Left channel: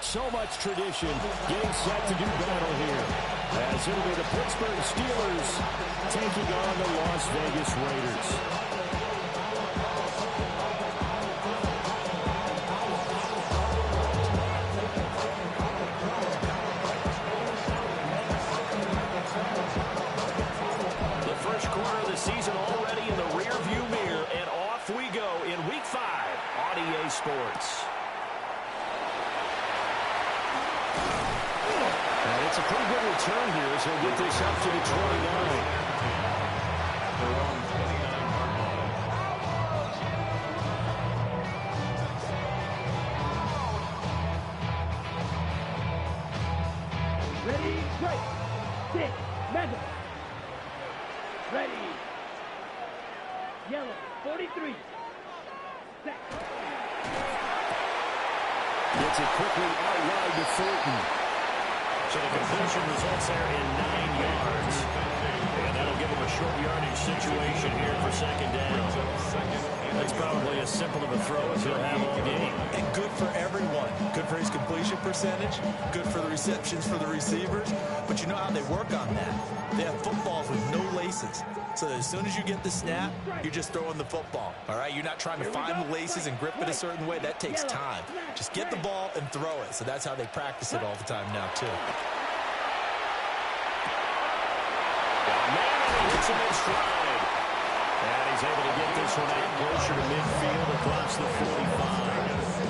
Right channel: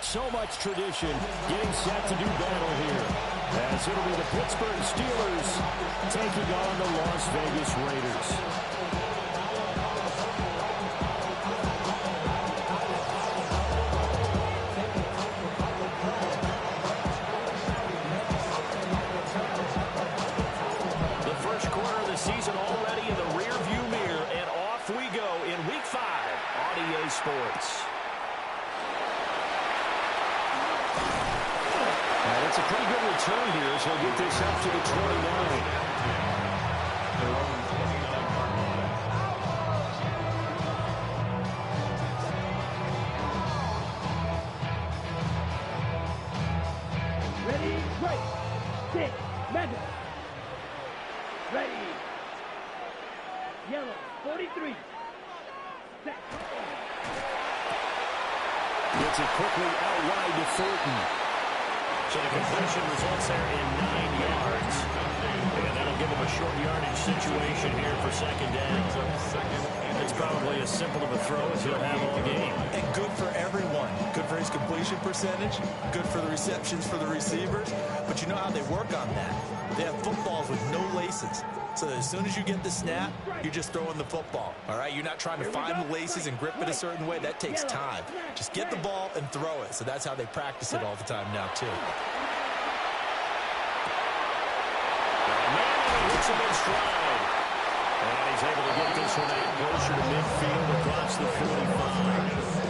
So much tradition getting set to do battle here, as it'll be the Pittsburgh Steelers taking on the Las Vegas Raiders. The first quarter of the season already in the rear-view mirror, and off we go in Week 5 on EA Sports. And it's a pretty good return here as he'll get this up to the 29. Their own 29-yard line. Ready, right, stick, metal. Ready. Yellow, 43. Set. Gets it quickly out wide to Thornton. So the completion results there in 9 yards. And that'll give him a short yardage situation here for second down. That's probably as simple of a throw as he'll have all game. And good for everyone. Good for his completion percentage. Good for the receptions for the receivers. But you know how they work on that. They have footballs with no laces. So that as soon as you get the snap, you're just throwing the football. All right? You're not trying to find the laces and grip it a certain way. That takes time. Just get the ball and throw it. So that's how they practice it all the time now, too. Got a man and he hits him in stride. And he's able to get this one out closer to midfield across the 45.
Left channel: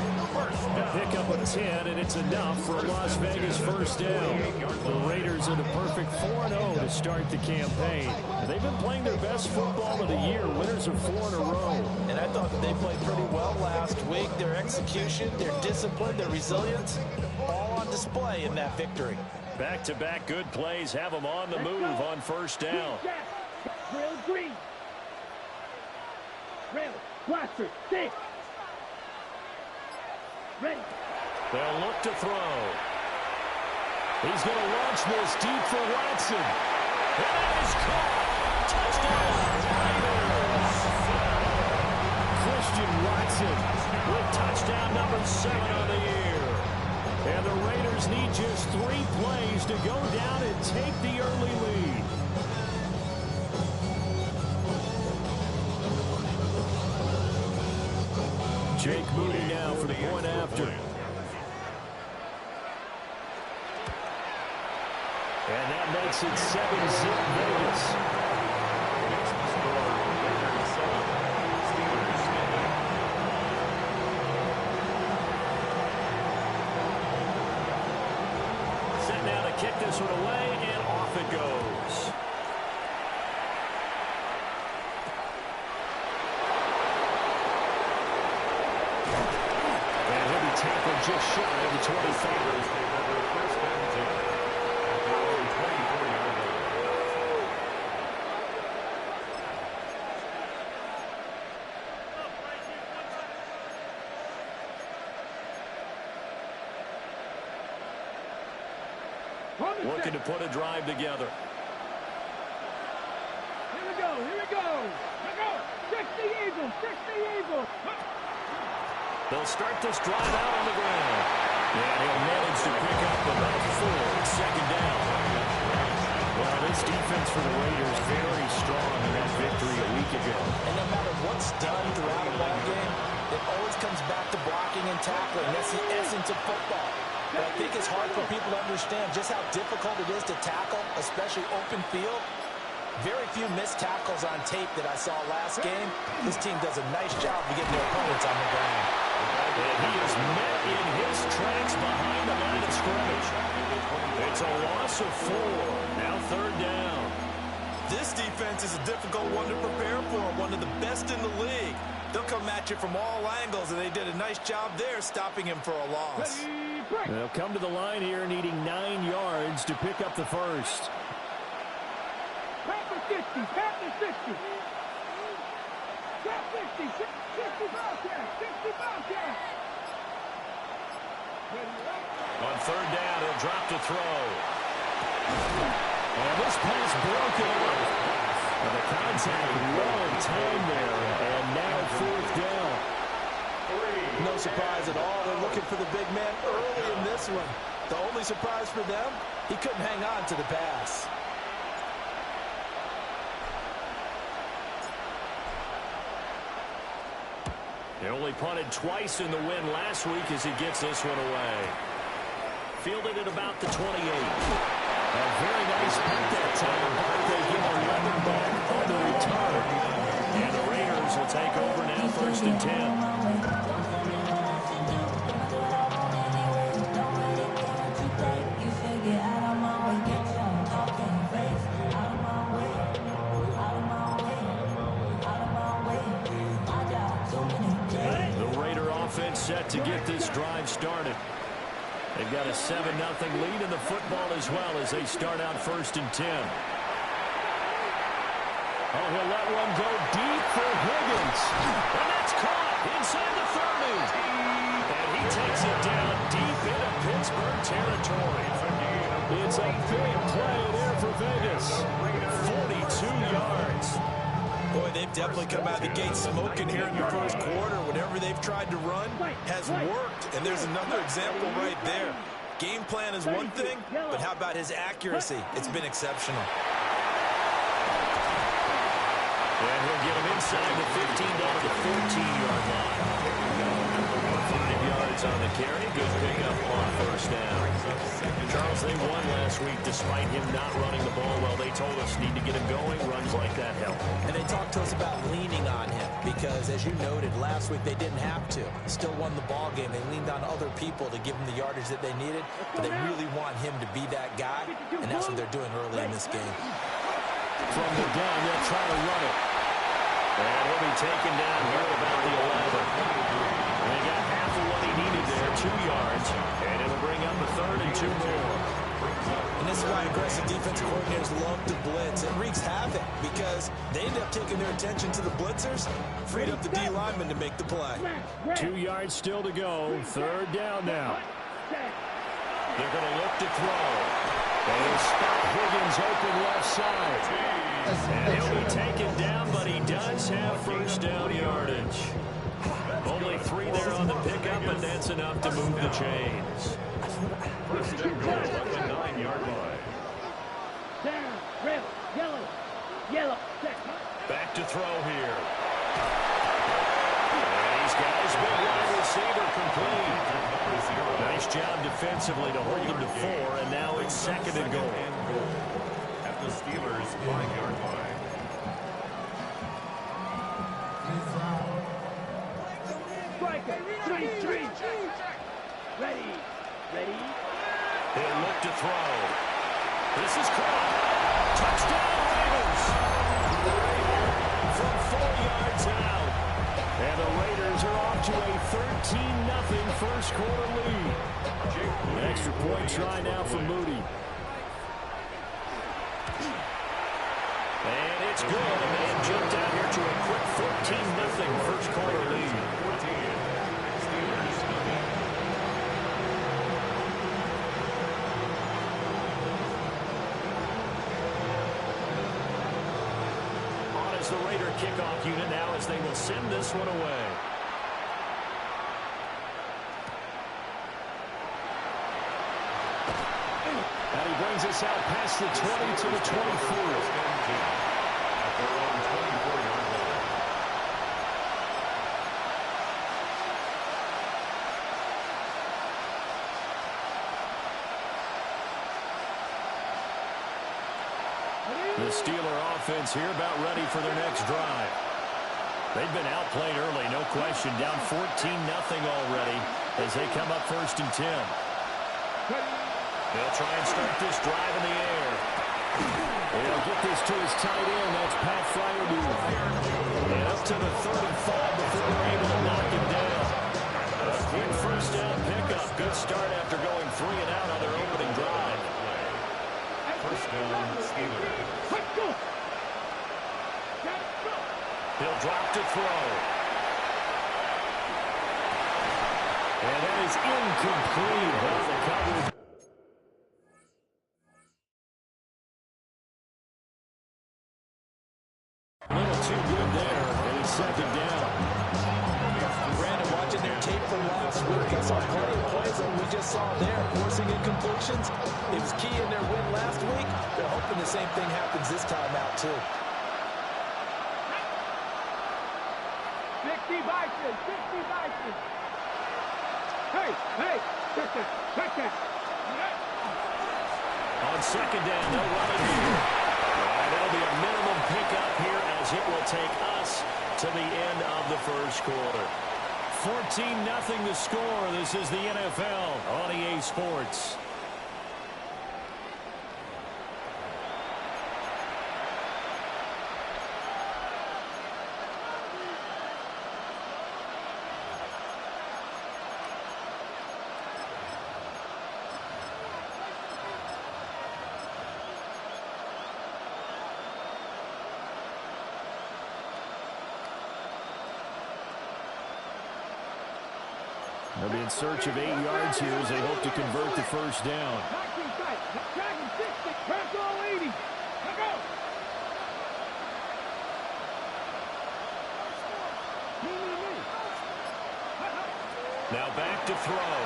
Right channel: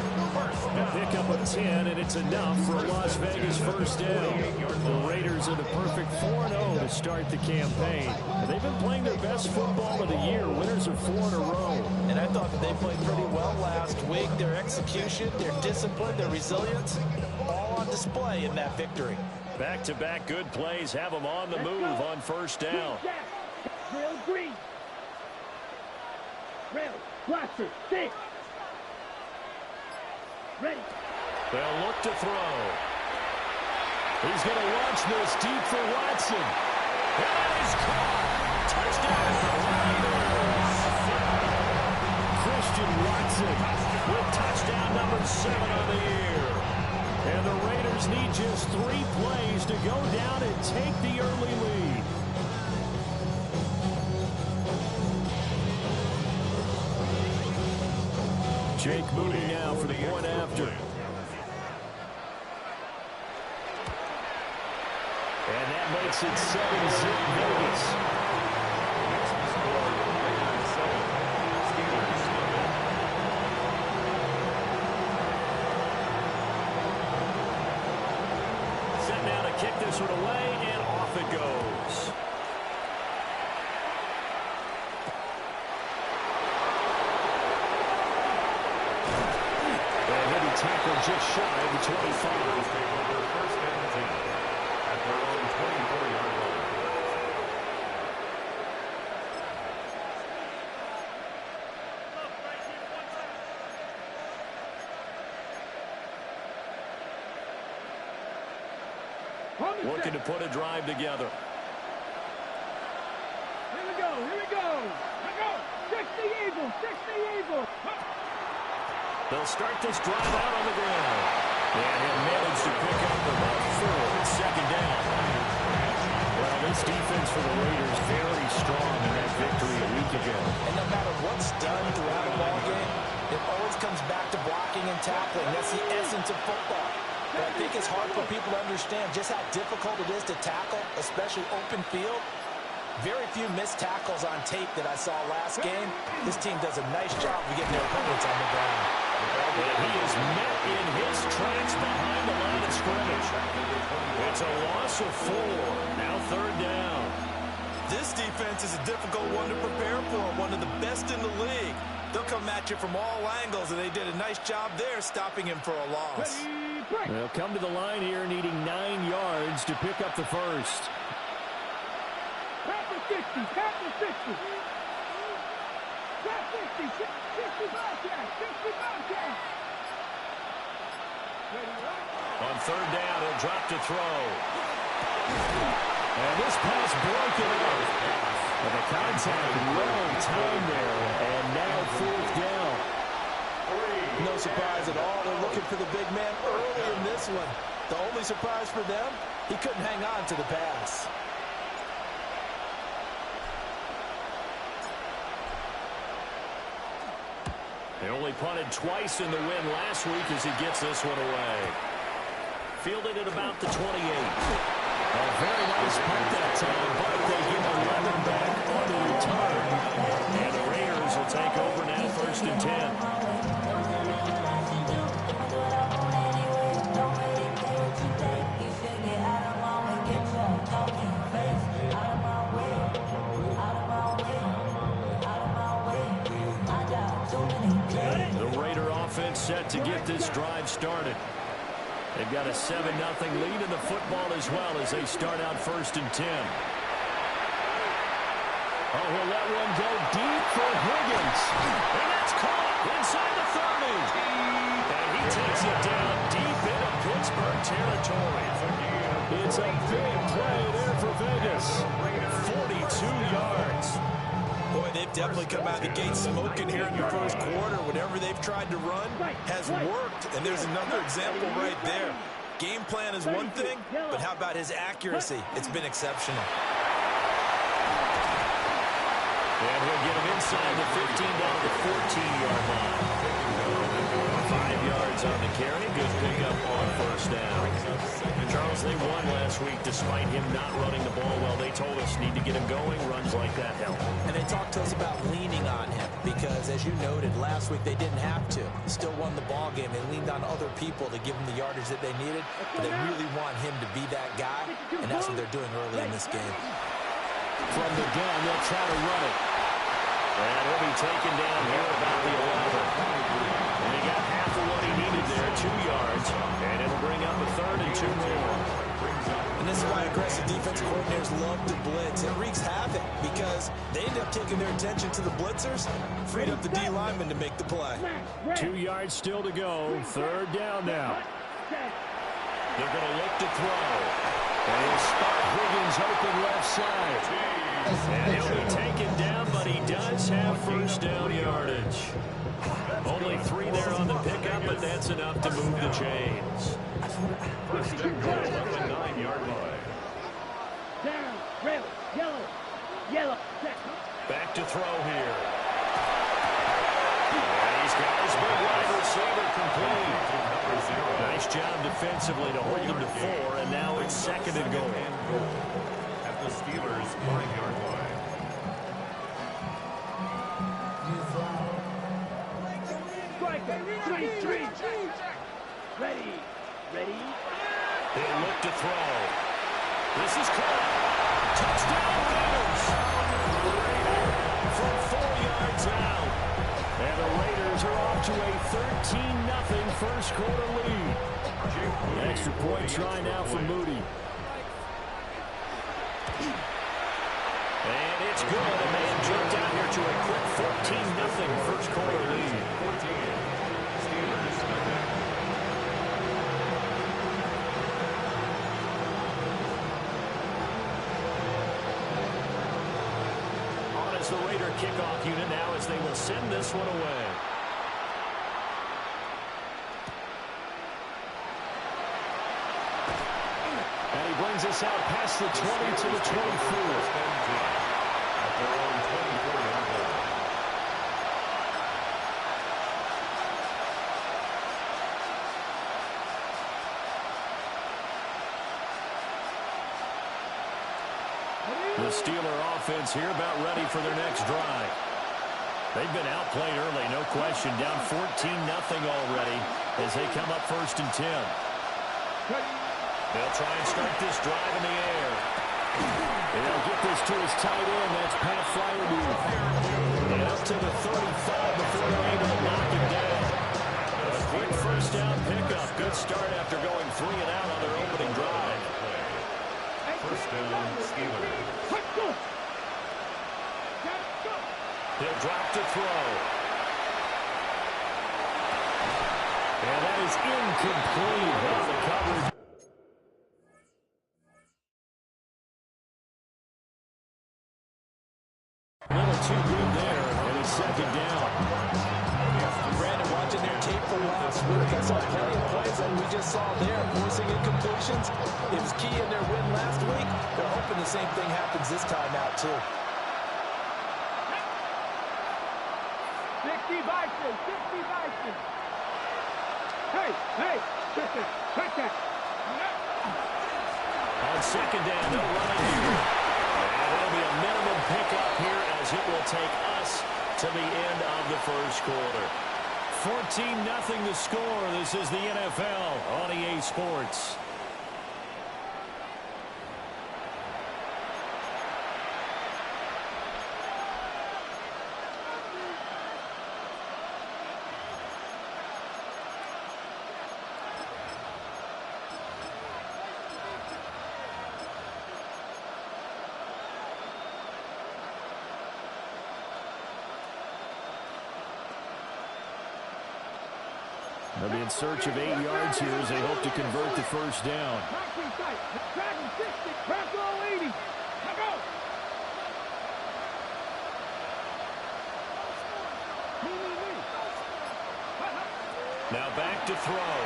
A pickup of 10, and it's enough for a Las Vegas first down. The Raiders are the perfect 4-0 to start the campaign. They've been playing their best football of the year, winners of 4 in a row. And I thought that they played pretty well last week. Their execution, their discipline, their resilience, all on display in that victory. Back-to-back good plays have them on the move on first down. Rail green. Rail, blaster, 6. Ready. They'll look to throw. He's going to launch this deep for Watson. And that is caught. Touchdown, Raiders. Christian Watson with touchdown number 7 on the year. And the Raiders need just 3 plays to go down and take the early lead. Jake Moody now for the point after. And that makes it 7-zip Vegas. Makes the score Raiders 7, Steelers 7. Set now to kick this one away, and off it goes. And he'll be tackled just shy of the 25. Steelers take over first and 10 at their own 24-yard line. Looking to put a drive together. Here we go, here we go. Here we go. 60 Eagles, 60 Eagles. They'll start this drive out on the ground. And he'll manage to pick up about 4. It's second down. Well, this defense for the Raiders very strong in that victory a week ago. And no matter what's done throughout a ball game, it always comes back to blocking and tackling. That's the essence of football. But I think it's hard for people to understand just how difficult it is to tackle, especially open field. Very few missed tackles on tape that I saw last game. This team does a nice job of getting their opponents on the ground. And he is met in his tracks behind the line of scrimmage. It's a loss of 4. Now third down. This defense is a difficult one to prepare for, one of the best in the league. They'll come at you from all angles, and they did a nice job there stopping him for a loss. They'll come to the line here needing 9 yards to pick up the first. Pat the 60, pat the 60. Pat 60, 60 Bobcat, 60 Bobcat. On third down, he'll drop to throw. And this pass broken up. But the contact well timed there, and now fourth down. No surprise at all. They're looking for the big man early in this one. The only surprise for them, he couldn't hang on to the pass. They only punted twice in the win last week as he gets this one away. Fielded at about the 28. A very nice punt that time, but they give 11 back on the return. And the Raiders will take over now, 1st and 10. The Raider offense set to get this drive started. They've got a 7-0 lead in the football as well as they start out 1st and 10. Oh, he'll let one go deep for Higgins. And that's caught inside the 30. And he takes it down deep into Pittsburgh territory. It's a big play there for Vegas. 42 yards. Boy, they've definitely come out of the gate smoking here in the first quarter. Whatever they've tried to run has worked. And there's another example right there. Game plan is one thing, but how about his accuracy? It's been exceptional. And he'll get him inside the 15 down to the 14-yard line. 5 yards on the carry. Good pickup on 1st down. Charles, they won last week despite him not running the ball well. They told us need to get him going. Runs like that help. And they talked to us about leaning on him because, as you noted, last week they didn't have to. Still won the ball game. They leaned on other people to give them the yardage that they needed, but they really want him to be that guy, and that's what they're doing early in this game. From the gun, they'll try to run it. And he'll be taken down here at about the 11. And he got half of what he needed there, 2 yards. And it'll bring up a 3rd and 2 more. And this is why aggressive defensive coordinators love to blitz. It wreaks havoc because they end up taking their attention to the blitzers, freed up the D lineman to make the play. 2 yards still to go. 3rd down now. They're going to look to throw. And he'll spot Higgins open left side. And he'll be taken down, but he does have 1st down yardage. Only 3 there on the pickup, but that's enough to move the chains. 1st and goal at the 9-yard line. Down, red, yellow, set. Back to throw here. And he's got his big wide receiver complete. Nice job defensively to hold him to 4, and now it's 2nd and goal. At the Steelers' 5-yard line. Striker, ready. He'll look to throw. This is caught. Touchdown Raiders. From 4 yards out. And the Raiders are off to a 13-0 first quarter lead. Extra point try now for Moody. And it's good. And they have jumped out here to a quick 14-0 first quarter lead. 14. Steelers nothing. On as the Raider kickoff unit now as they will send this one away. And he brings us out past the 20 to the 24. At their own 24-yard line. The Steeler offense here about ready for their next drive. They've been outplayed early, no question. Down 14-0 already as they come up 1st and 10. They'll try and start this drive in the air. And he'll get this to his tight end. That's Pat Fryermuth. And up to the 35 before they're able to knock him down. A quick 1st down pickup. Good start after going 3 and out on their opening drive. 1st down, Steelers. Let's go. He'll drop to throw. And that is incomplete. Well, the coverage. A little too good there, and it's 2nd down. Brandon, watching their tape from last week. I saw plenty of plays like we just saw there, forcing incompletions. It was key in their win last week. They're hoping the same thing happens this time out, too. 60 Bison, 60 Bison. Hey, check that. On second down, they'll run it here. And it'll be a minimum pickup here as it will take us to the end of the first quarter. 14-0 the score. This is the NFL on EA Sports. They'll be in search of 8 yards here as they hope to convert the first down. 19 tight. Drag him 60. Press all 80. Let go. Me. Now back to throw.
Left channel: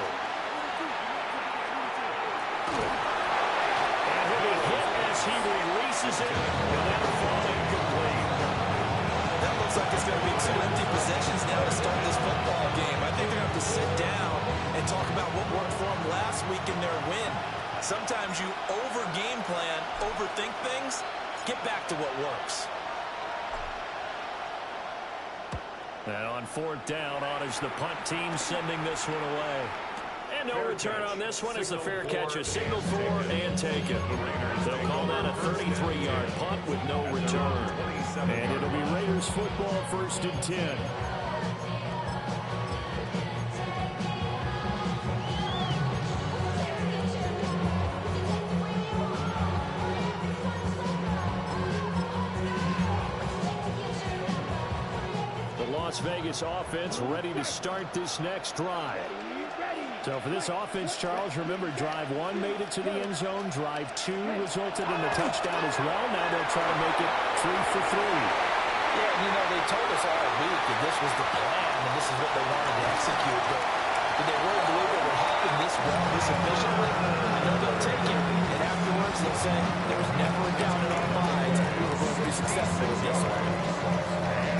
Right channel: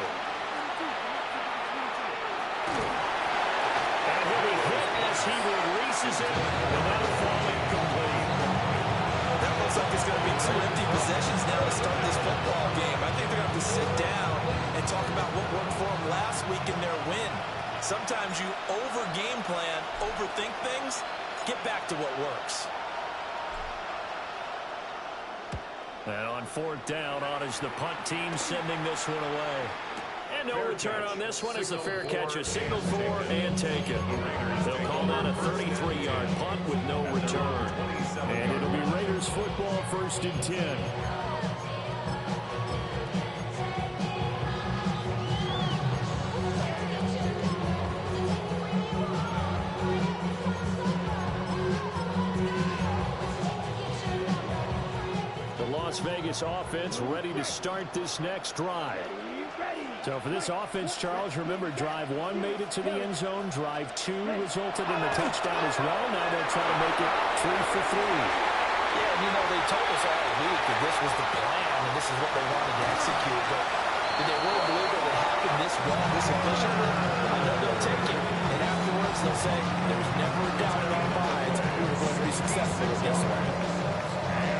And he'll be hit as he releases it, and that'll fall incomplete. That looks like it's going to be 2 empty possessions now to start this football game. I think they're going to have to sit down and talk about what worked for them last week in their win. Sometimes you over-game plan, overthink things. Get back to what works. And on fourth down, on is the punt team sending this one away. And no return on this one as the fair catch is signaled for and taken. They'll call that a 33-yard punt with no return. And it'll be Raiders football, 1st and 10. The Las Vegas offense ready to start this next drive. So for this offense, Charles, remember, drive 1 made it to the end zone. Drive 2 resulted in a touchdown as well. Now they'll try to make it 3 for 3. Yeah, and you know, they told us all week that this was the plan and this is what they wanted to execute. But did they really believe it would happen this well, this efficiently? I know they'll take it. And afterwards, they'll say, there was never a doubt in our minds we were going to be successful with this one.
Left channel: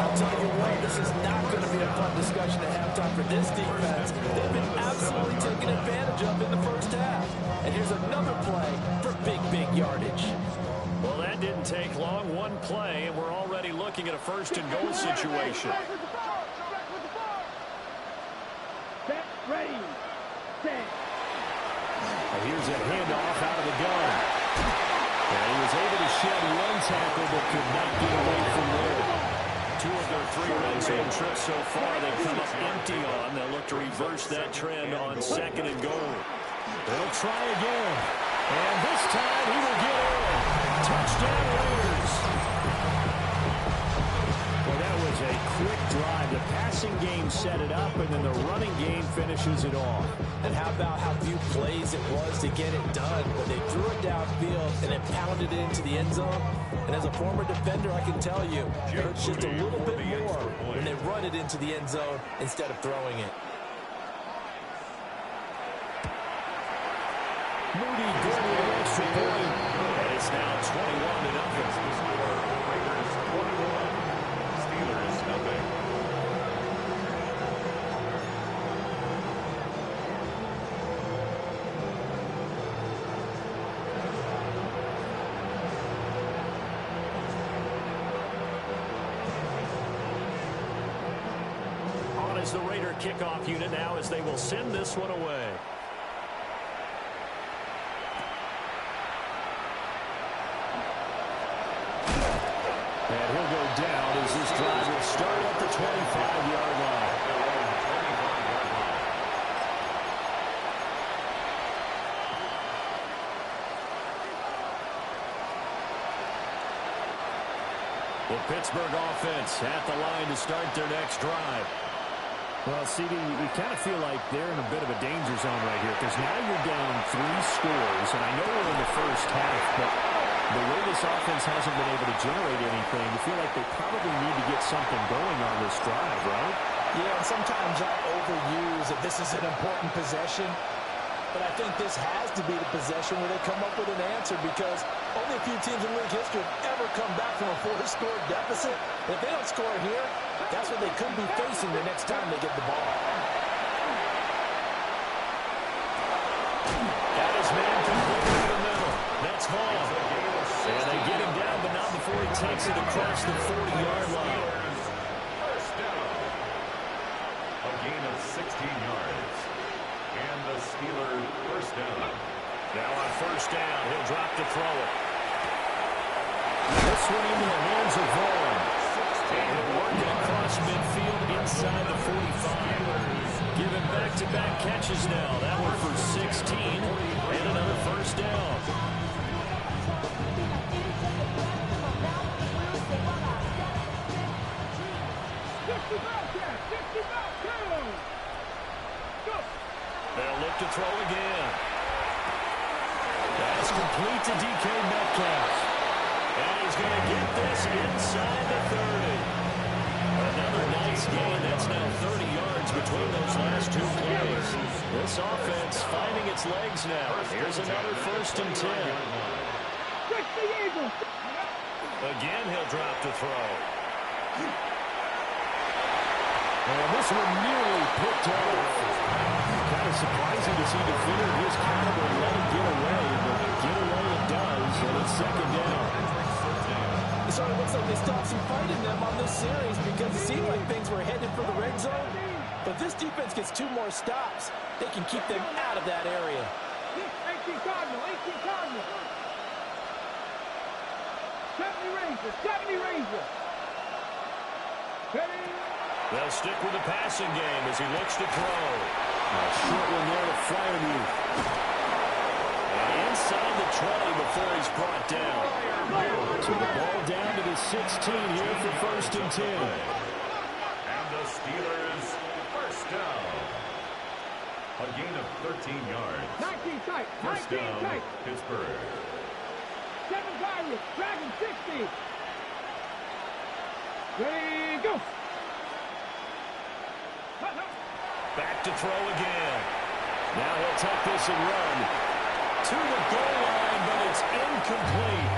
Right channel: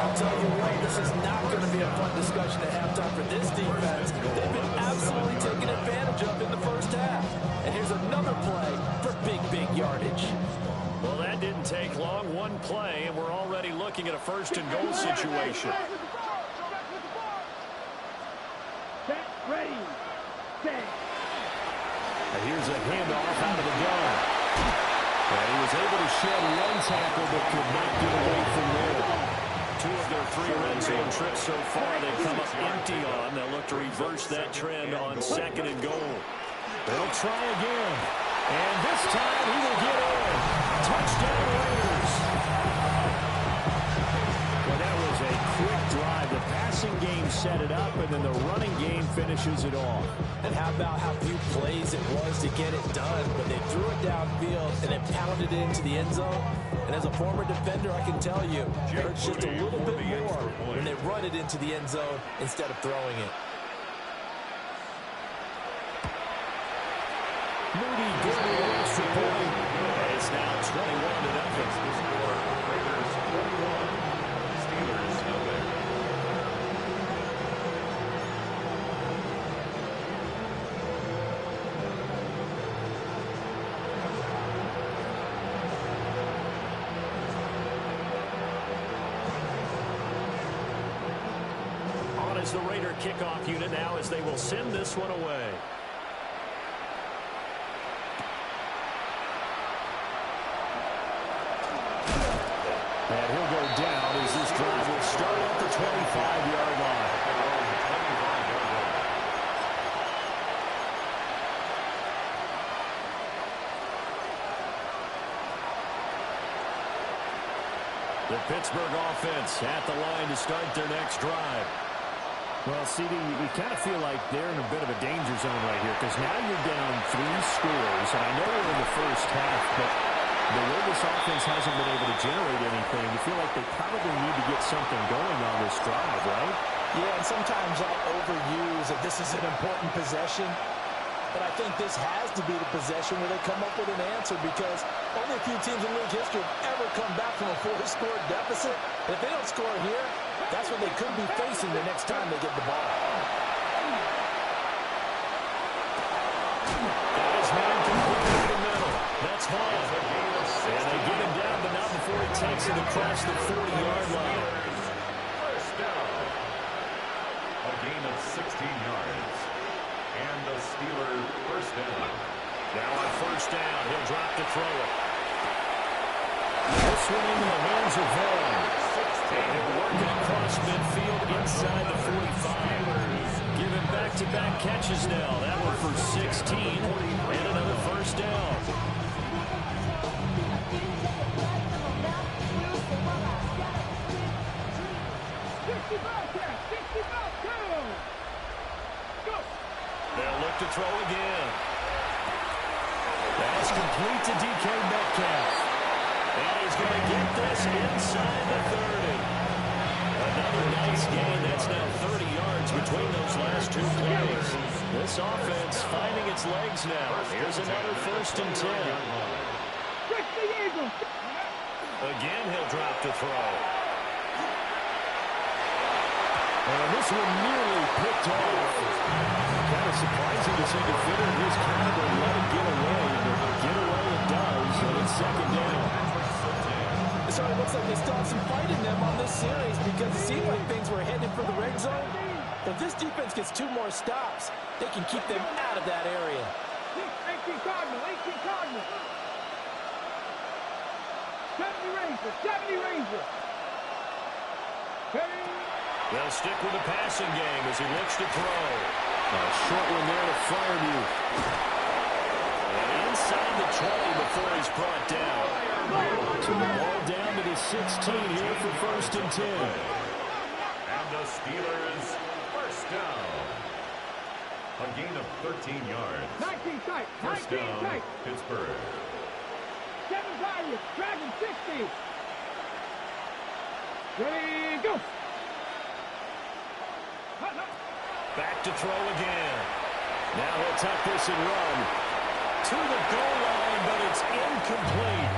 I'll tell you what, this is not going to be a fun discussion at halftime for this defense. They've been absolutely taken advantage of in the first half. And here's another play for big yardage. Well, that didn't take long. 1 play, and we're already looking at a 1st and goal situation. Set, ready, set. And here's a handoff out of the gun. And he was able to shed 1 tackle, but could not get away from there. 2 of their 3 red zone trips so far they've come up empty on. They'll look to reverse that trend on 2nd and goal. They'll try again. And this time he will get in. Touchdown Raiders. Well, that was a quick drive. The passing game set it up, and then the running game finishes it off. And how about how few plays it was to get it done? But they threw it downfield and then pounded it into the end zone. And as a former defender, I can tell you, it hurts just a little bit more when they run it into the end zone instead of throwing it. Moody good with an extra point. And it's now 21-0. Raiders 21, Steelers nothing. On is the Raider kickoff unit now as they will send this one away. And he'll go down as this drive will start at the 25-yard line. The Pittsburgh offense at the line to start their next drive. Well, CD, you kind of feel like they're in a bit of a danger zone right here because now you're down 3 scores, and I know we're in the first half, but the way this offense hasn't been able to generate anything, you feel like they probably need to get something going on this drive, right? Yeah, and sometimes I overuse that this is an important possession. But I think this has to be the possession where they come up with an answer, because only a few teams in league history have ever come back from a 4-score deficit. And if they don't score here, that's what they could be facing the next time they get the ball. Got his man completely in the middle. That's Vaughn. And they get him down, but not before he takes it across the 40-yard line. First down. A gain of 16 yards. And the Steeler first down. Now on first down, he'll drop to throw it. This one into the hands of Vaughn. And he'll work it across midfield inside the 45. Give him back-to-back catches now. That one for 16 and another first down. They'll look to throw again. That's complete to DK Metcalf. And he's going to get this inside the 30. Another nice gain. That's now 30 yards between those last two plays. This offense finding its legs now. Here's another 1st and 10. Again, he'll drop to throw. And this one nearly picked off. Kind of surprising to see a defender of his caliber let it get away, but get away it does, and it's 2nd down. So it looks like they still have some fight in them on this series, because it seemed like things were headed for the red zone. But this defense gets 2 more stops. They can keep them out of that area. 18 Cardinal, 18 Cardinal. 70 Ranger, 70 Ranger. Ready? They'll stick with the passing game as he looks to throw. A short one there to Freiermuth. And inside the 20 before he's brought down. So the ball down to the 16 here for 1st and 10. And the Steelers first down. A gain of 13 yards. 19 tight, First 19 down, tight. Pittsburgh. 7 Pirates, Dragon 60. Ready, go. Back to throw again. Now he'll tuck this and run to the goal line, but it's incomplete.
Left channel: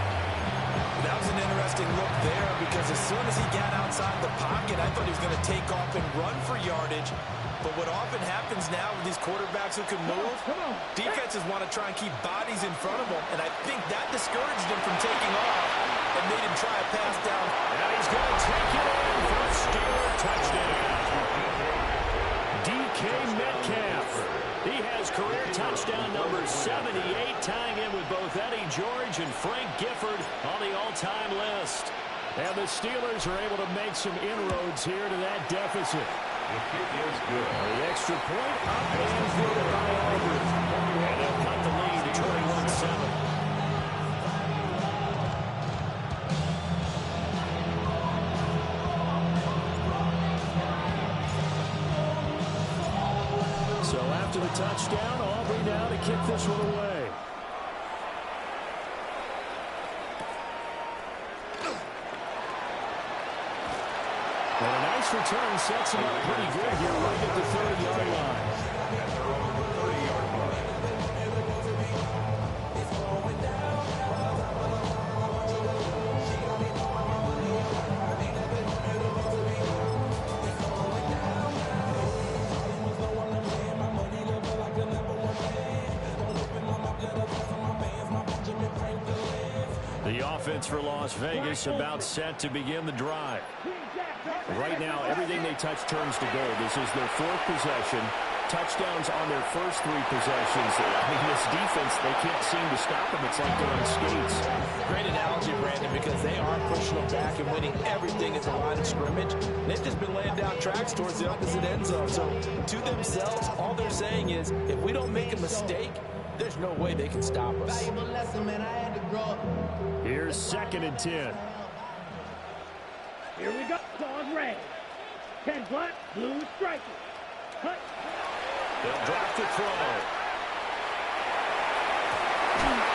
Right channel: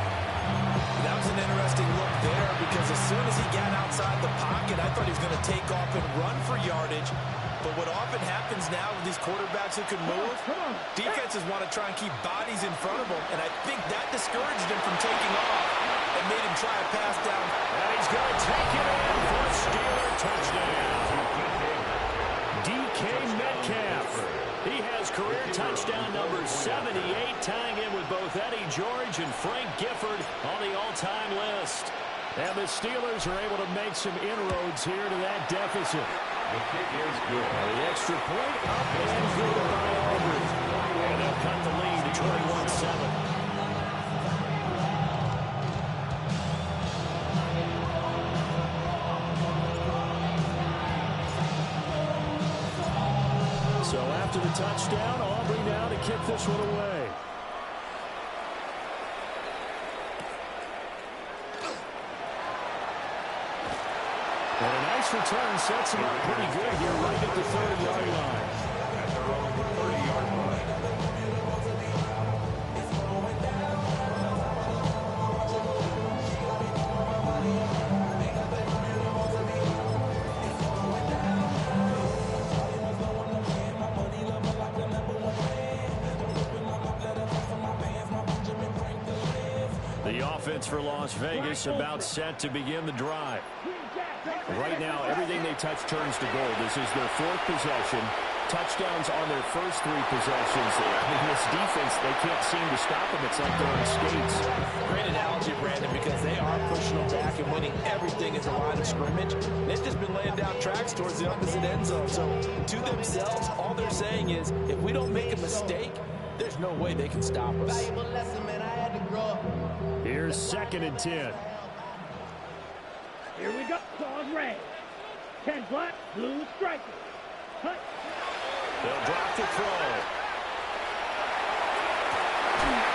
That was an interesting look there, because as soon as he got outside the pocket, I thought he was going to take off and run for yardage. But what often happens now with these quarterbacks who can move, defenses want to try and keep bodies in front of them, and I think that discouraged him from taking off and made him try a pass down. And he's going to take it in for a Steeler touchdown. DK Metcalf. He has career touchdown number 78, tying in with both Eddie George and Frank Gifford on the all-time list. And the Steelers are able to make some inroads here to that deficit. The kick is good. The extra point up and good by Aubrey. And they'll cut the lead to 21-7. So after the touchdown, Aubrey now to kick this one away. And a nice return sets him up pretty good here right at the 30-yard line. At their own 30-yard line. The offense for Las Vegas about set to begin the drive. Right now, everything they touch turns to gold. This is their 4th possession. Touchdowns on their first 3 possessions. I mean, this defense, they can't seem to stop them. It's like they're on skates. Great analogy, Brandon, because they are pushing them back and winning everything as a line of scrimmage. They've just been laying down tracks towards the opposite end zone. So, to themselves, all they're saying is, if we don't make a mistake, there's no way they can stop us. Here's 2nd and 10. Here we go. Claws red. 10 black, blue striker. Hut. They'll drop the throw.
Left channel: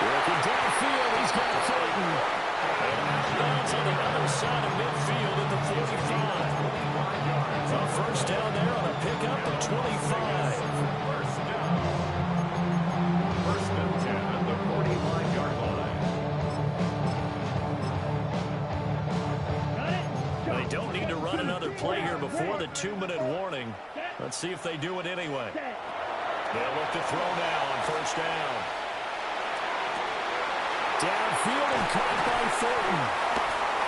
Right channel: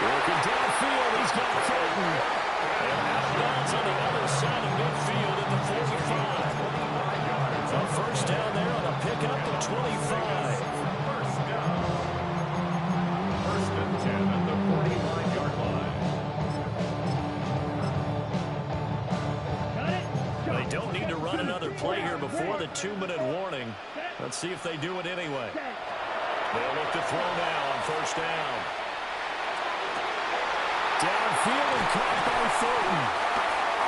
Working downfield, he's got Clayton. And out of bounds on the other side of midfield at the 45. A first down there on a pickup of 25. First down. First and 10 at the 45-yard line. They don't need to run another play here before the 2-minute warning. Let's see if they do it anyway. They'll look to throw now on first down. Downfield and caught by Thornton.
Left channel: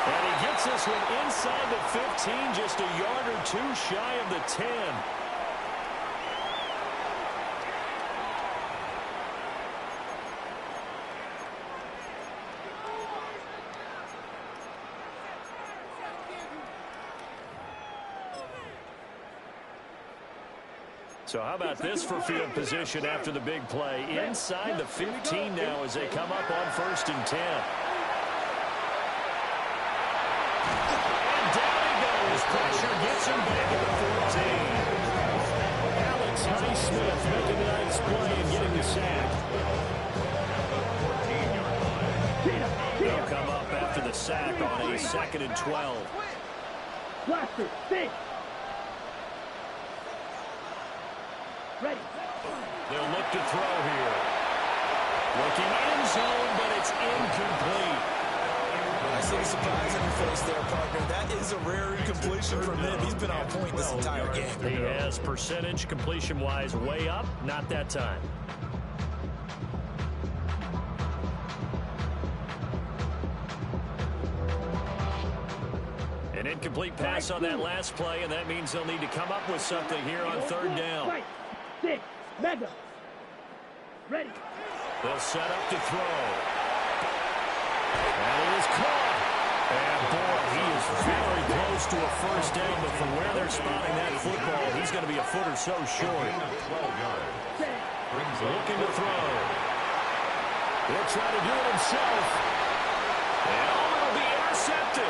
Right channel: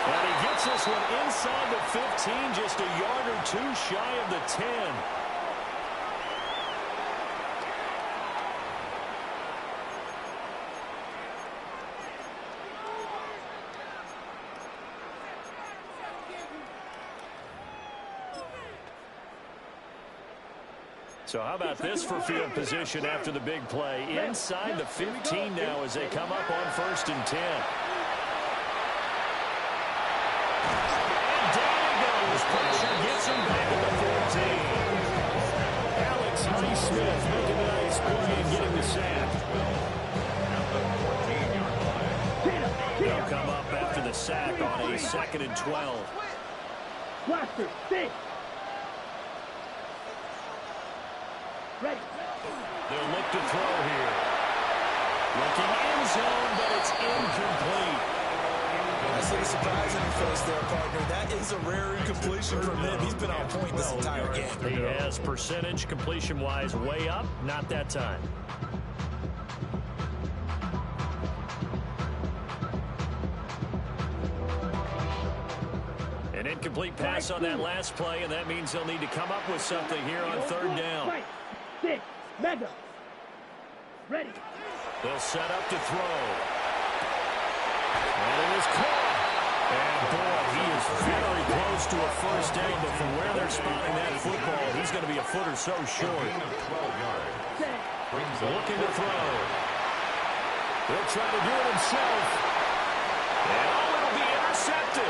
And he gets this one inside the 15, just a yard or two shy of the 10. So how about this for field position after the big play? Inside the 15 now as they come up on first and 10. And down he goes. Pressure gets him back at the 14. Alex Highsmith making a nice play and getting the sack. At the 14-yard line. They'll come up after the sack on a 2nd and 12. Blaster, stay. Ready. They'll look to throw here. Looking end zone, but it's incomplete. I see the surprise on your face there, partner. That is a rare incompletion from him. He's been on point this entire game. He has percentage completion-wise way up. Not that time. An incomplete pass on that last play, and that means they'll need to come up with something here on third down. Right. 6. Mega. Ready. They'll set up to throw. And it is caught. And boy, he is very close to a first down, but from where they're spotting that football, he's going to be a foot or so short. 12 yards. Looking to throw. He'll try to do it himself. And oh, it'll be intercepted.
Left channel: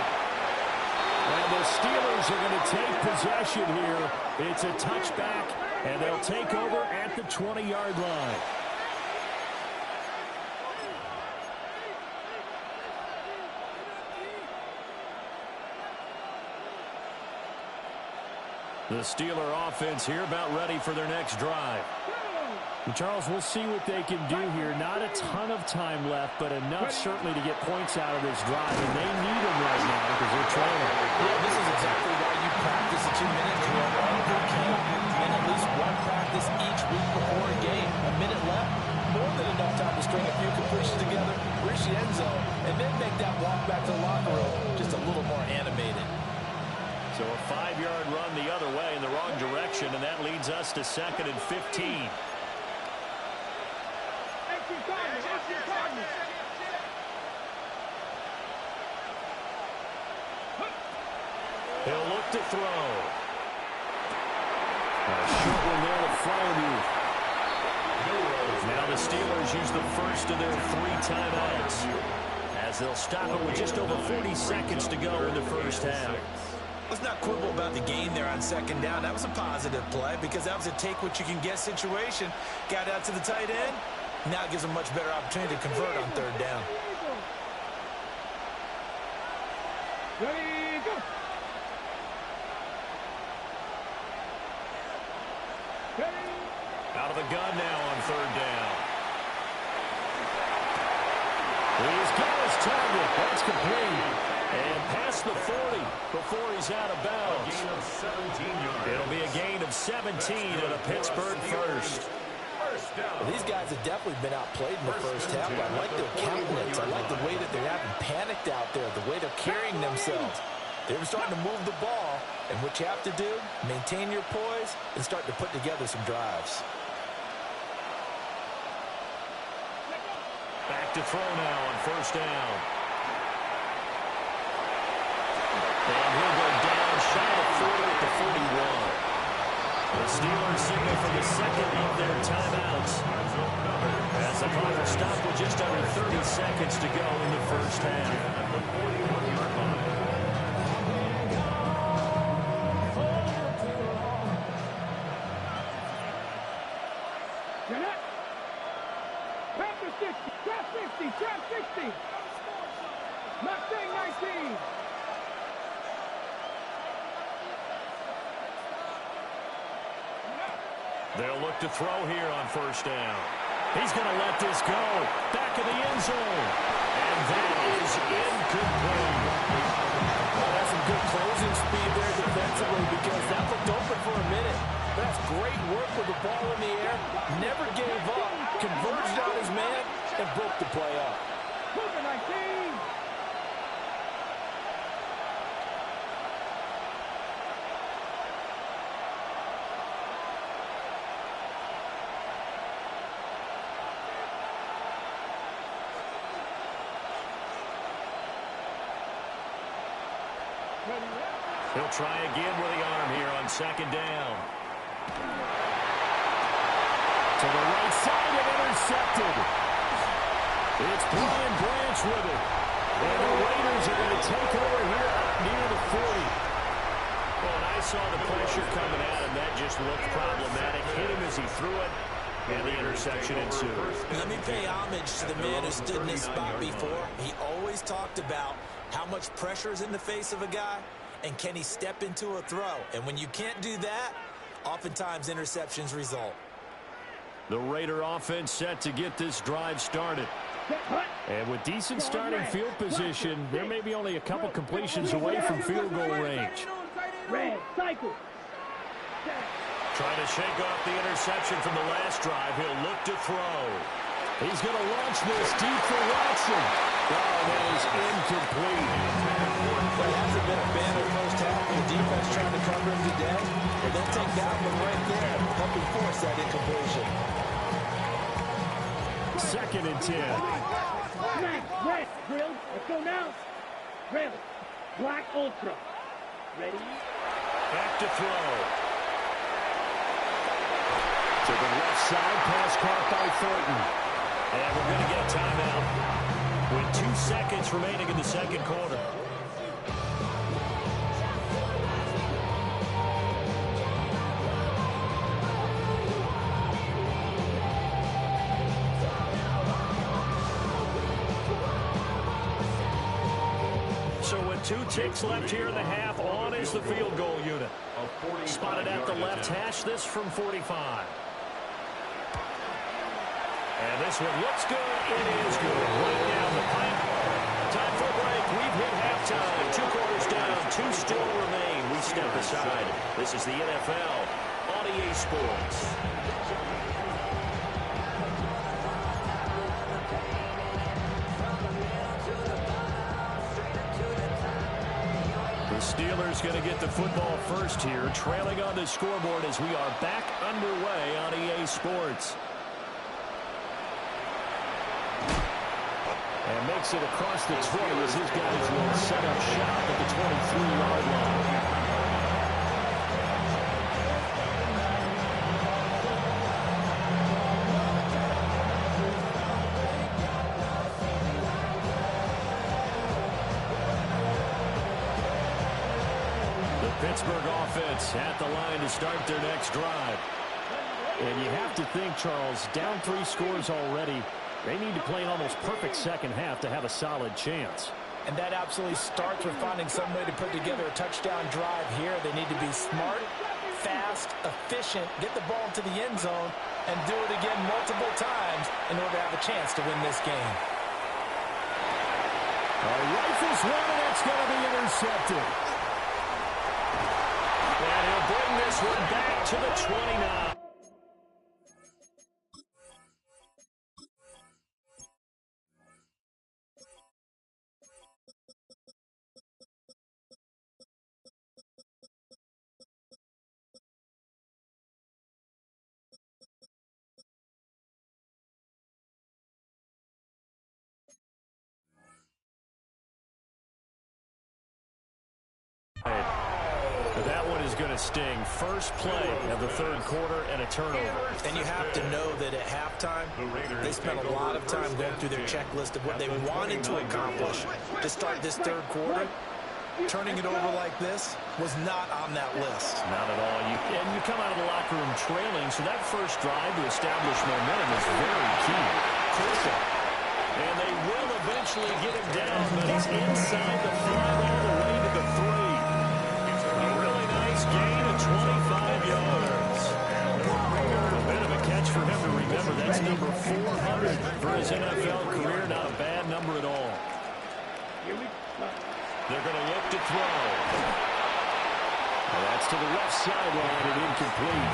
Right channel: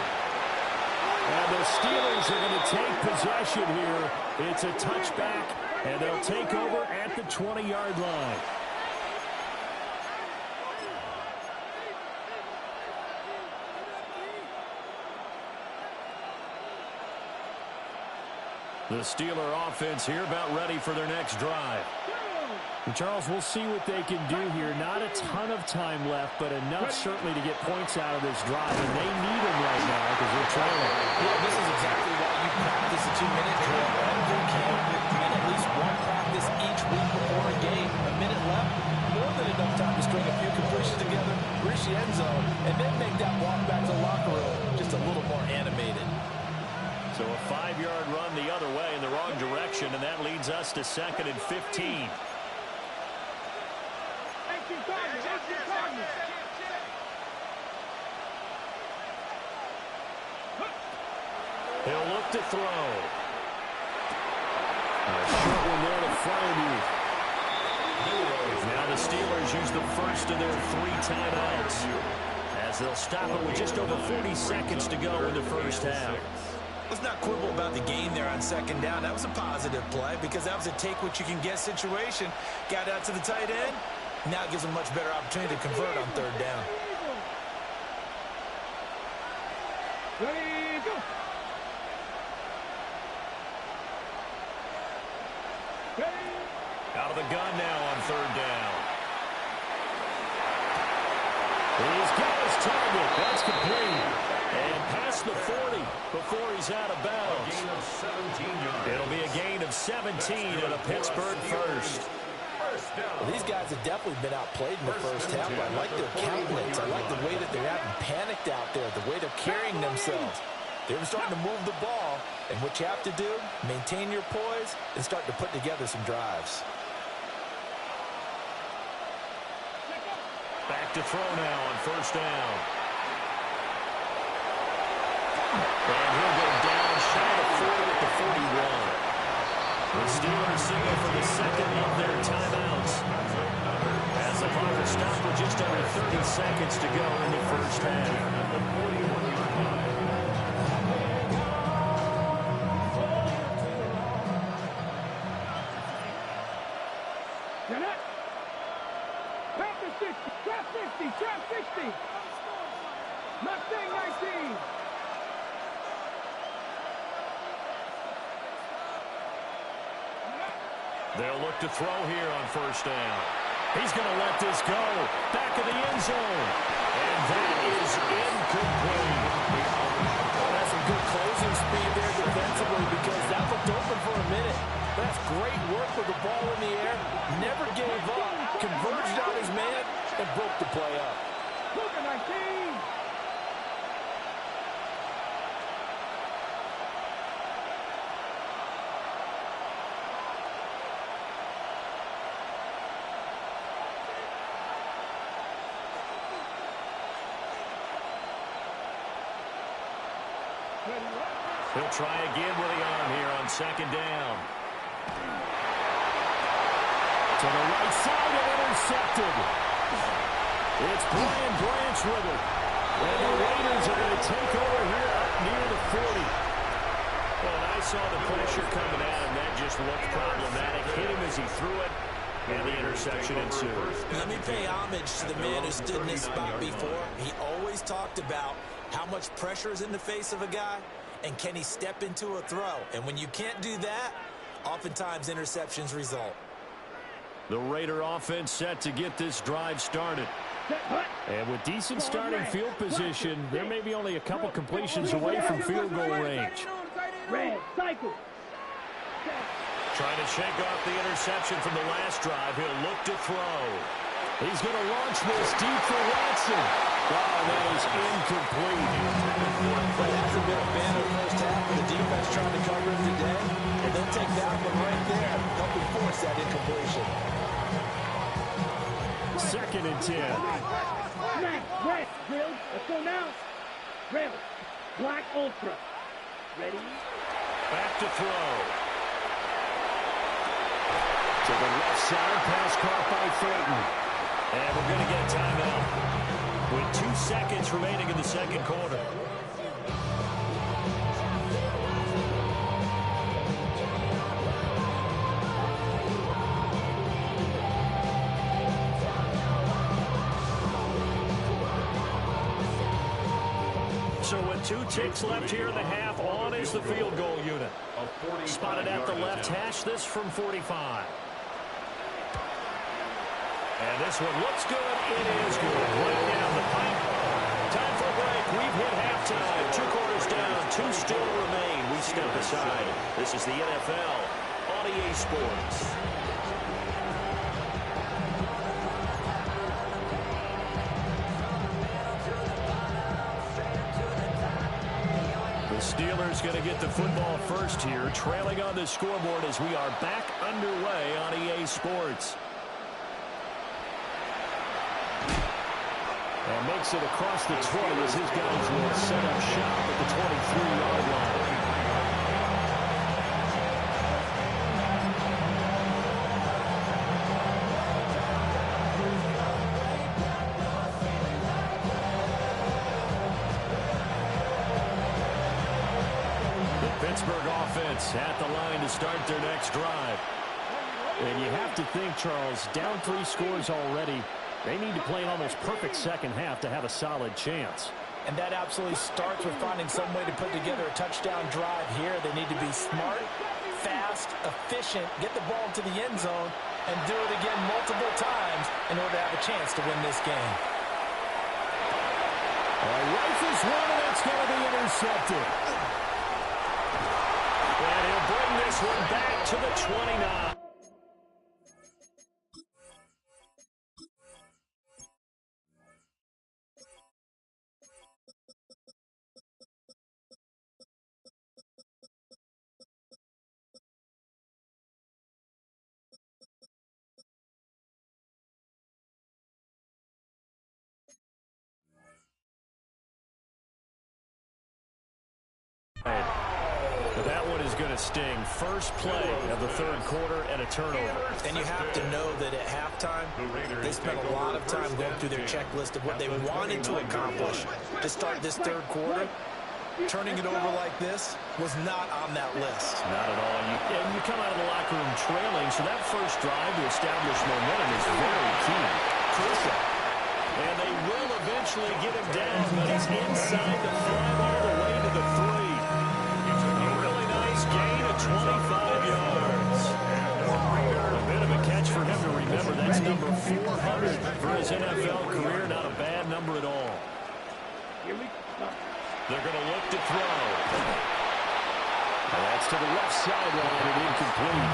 And the Steelers are going to take possession here. It's a touchback, and they'll take over at the 20-yard line. The Steeler offense here about ready for their next drive. And Charles, we'll see what they can do here. Not a ton of time left, but enough certainly to get points out of this drive. And they need them right now because they're trailing. Yeah, this is exactly why you practice a 2-minute drill every camp and at least one practice each week before a game. A minute left, more than enough time to string a few completions together, reach the end zone, and then make that walk back to the locker room just a little more animated. So a 5-yard run the other way in the wrong direction, and that leads us to 2nd and 15. He'll look to throw. A short one there to Freiermuth. Now the Steelers use the first of their 3 timeouts as they'll stop it with just over 40 seconds to go in the first half. Let's not quibble about the gain there on 2nd down. That was a positive play because that was a take-what-you-can-get situation. Got out to the tight end. Now it gives them a much better opportunity to convert on 3rd down. Ready, go. Ready. Out of the gun now on 3rd down. He's got his target. That's complete. And past the 40 before he's out of bounds. A gain of 17 yards. It'll be a gain of 17 and a Pittsburgh first. Well, these guys have definitely been outplayed in the first half. I like their countenance. I like the way that they're not panicked out there, the way they're carrying themselves. They're starting to move the ball, and what you have to do, maintain your poise and start to put together some drives. Back to throw now on first down. And he'll go down shy of 40 at the 41. The Steelers signal for the 2nd of their timeouts as the clock will stop with just under 30 seconds to go in the first half. At the 41-yard line. Get it. Trap the 60. Trap 60. Trap 60. Mustang 19. They'll look to throw here on first down. He's going to let this go. Back of the end zone. And that is incomplete. Well, that's some good closing speed there defensively because that looked open for a minute. That's great work with the ball in the air. Never gave up. Converged on his man and broke the play up. Cougar 19. He'll try again with the arm here on second down. To the right side and intercepted. It's Brian Branch with it. And the Raiders are going to take over here up near the 40. Well, and I saw the pressure coming at him. That just looked problematic. Hit him as he threw it. And the interception ensued. Let me pay homage to the man who stood in this spot before. He always talked about how much pressure is in the face of a guy, and can he step into a throw? And when you can't do that, oftentimes interceptions result. The Raider offense set to get this drive started. And with decent starting field position, there may be only a couple completions away from field goal range. Red, cycle. Trying to shake off the interception from the last drive. He'll look to throw. He's going to launch this deep for Watson. Oh, that is incomplete. Well, it hasn't been a banner first half of the defense trying to cover him today. And they'll take that one right there, helping force that incompletion. 2nd and 10. Red, drilled. Let's go now. Red, black ultra. Ready? Back to throw. To the left side, pass caught by Thornton. And we're going to get a timeout with 2 seconds remaining in the second quarter. So with 2 ticks left here in the half, on is the field goal unit. Spotted at the left hash, this from 45. And this one looks good. It is good. Right down the pipe. Time for a break. We've hit halftime. 2 quarters down. 2 still remain. We step aside. This is the NFL on EA Sports. The Steelers going to get the football first here, trailing on the scoreboard as we are back underway on EA Sports. And makes it across the 20 as his guys will set up shop at the 23-yard line. The Pittsburgh offense at the line to start their next drive. And you have to think, Charles, down 3 scores already. They need to play an almost perfect second half to have a solid chance. And that absolutely starts with finding some way to put together a touchdown drive here. They need to be smart, fast, efficient, get the ball to the end zone, and do it again multiple times in order to have a chance to win this game. Rifles one, and it's going to be intercepted. And he'll bring this one back to the 29. That one is going to sting. First play of the third quarter and a turnover. And you have to know that at halftime, they spent a lot of time going through their checklist of what they wanted to accomplish to start this third quarter. Turning it over like this was not on that list. Not at all. And you come out of the locker room trailing, so that first drive to establish momentum is very key. Crucial. And they will eventually get him down, but he's inside the 5 all the way to the 3. A really nice gain of 25 yards. A bit of a catch for him to remember. That's number 400 for his NFL career. Not a bad number at all. They're going to look to throw. And that's to the left sideline and incomplete.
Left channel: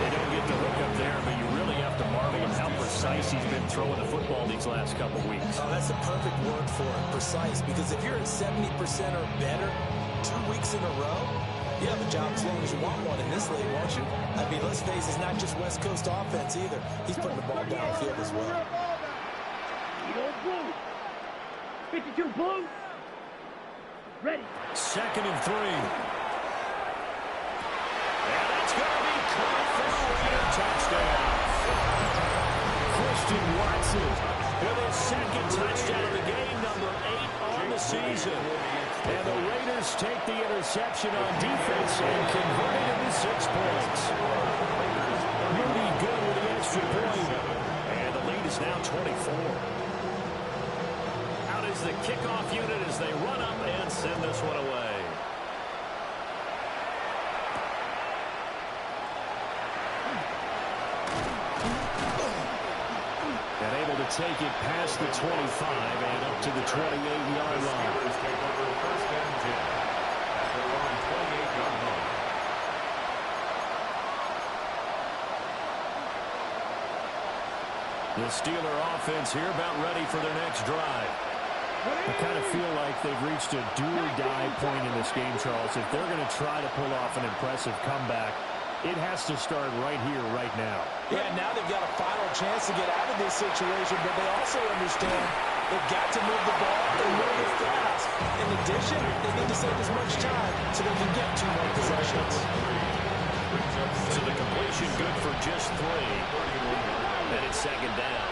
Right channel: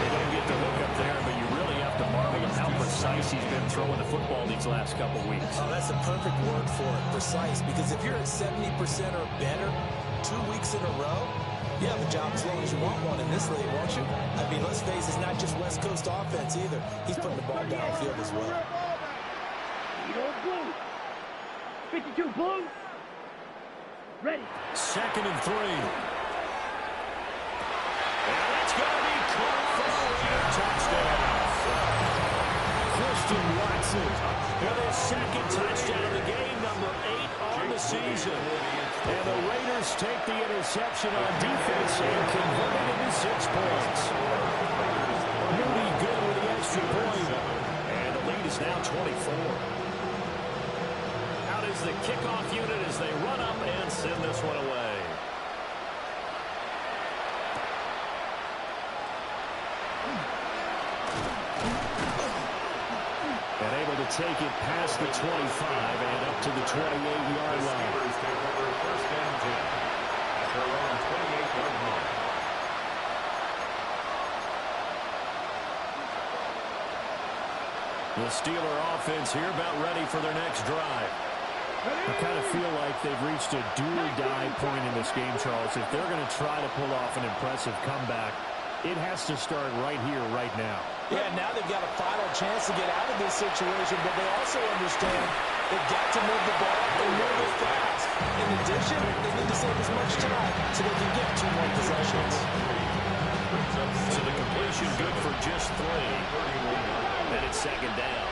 They don't get the hook up there, but you really have to marvel at how precise he's been throwing the football these last couple weeks. Oh, that's the perfect word for it, precise, because if you're at 70% or better 2 weeks in a row, you have a job as long as you want one in this league, won't you? I mean, let's face it, it's not just West Coast offense either. He's putting the ball downfield as well. 52 blue. Ready. 2nd and 3. And that's going to be caught for a Raider touchdown. Christian Watson with his 2nd touchdown of the game, number 8 on the season. And the Raiders take the interception on defense and convert it into 6 points. Moody good with the extra point. And the lead is now 24. Out is the kickoff unit as they run up and send this one away. And able to take it past the 25 and up to the 28-yard line. The Steelers take over 1st and 10 at their own 28-yard line. The Steeler offense here about ready for their next drive. I kind of feel like they've reached a do-or-die point in this game, Charles. If they're going to try to pull off an impressive comeback, it has to start right here, right now. Yeah, now they've got a final chance to get out of this situation, but they also understand they've got to move the ball and move it fast. In addition, they need to save as much time so they can get 2 more possessions. So the completion good for just 3. And it's 2nd down.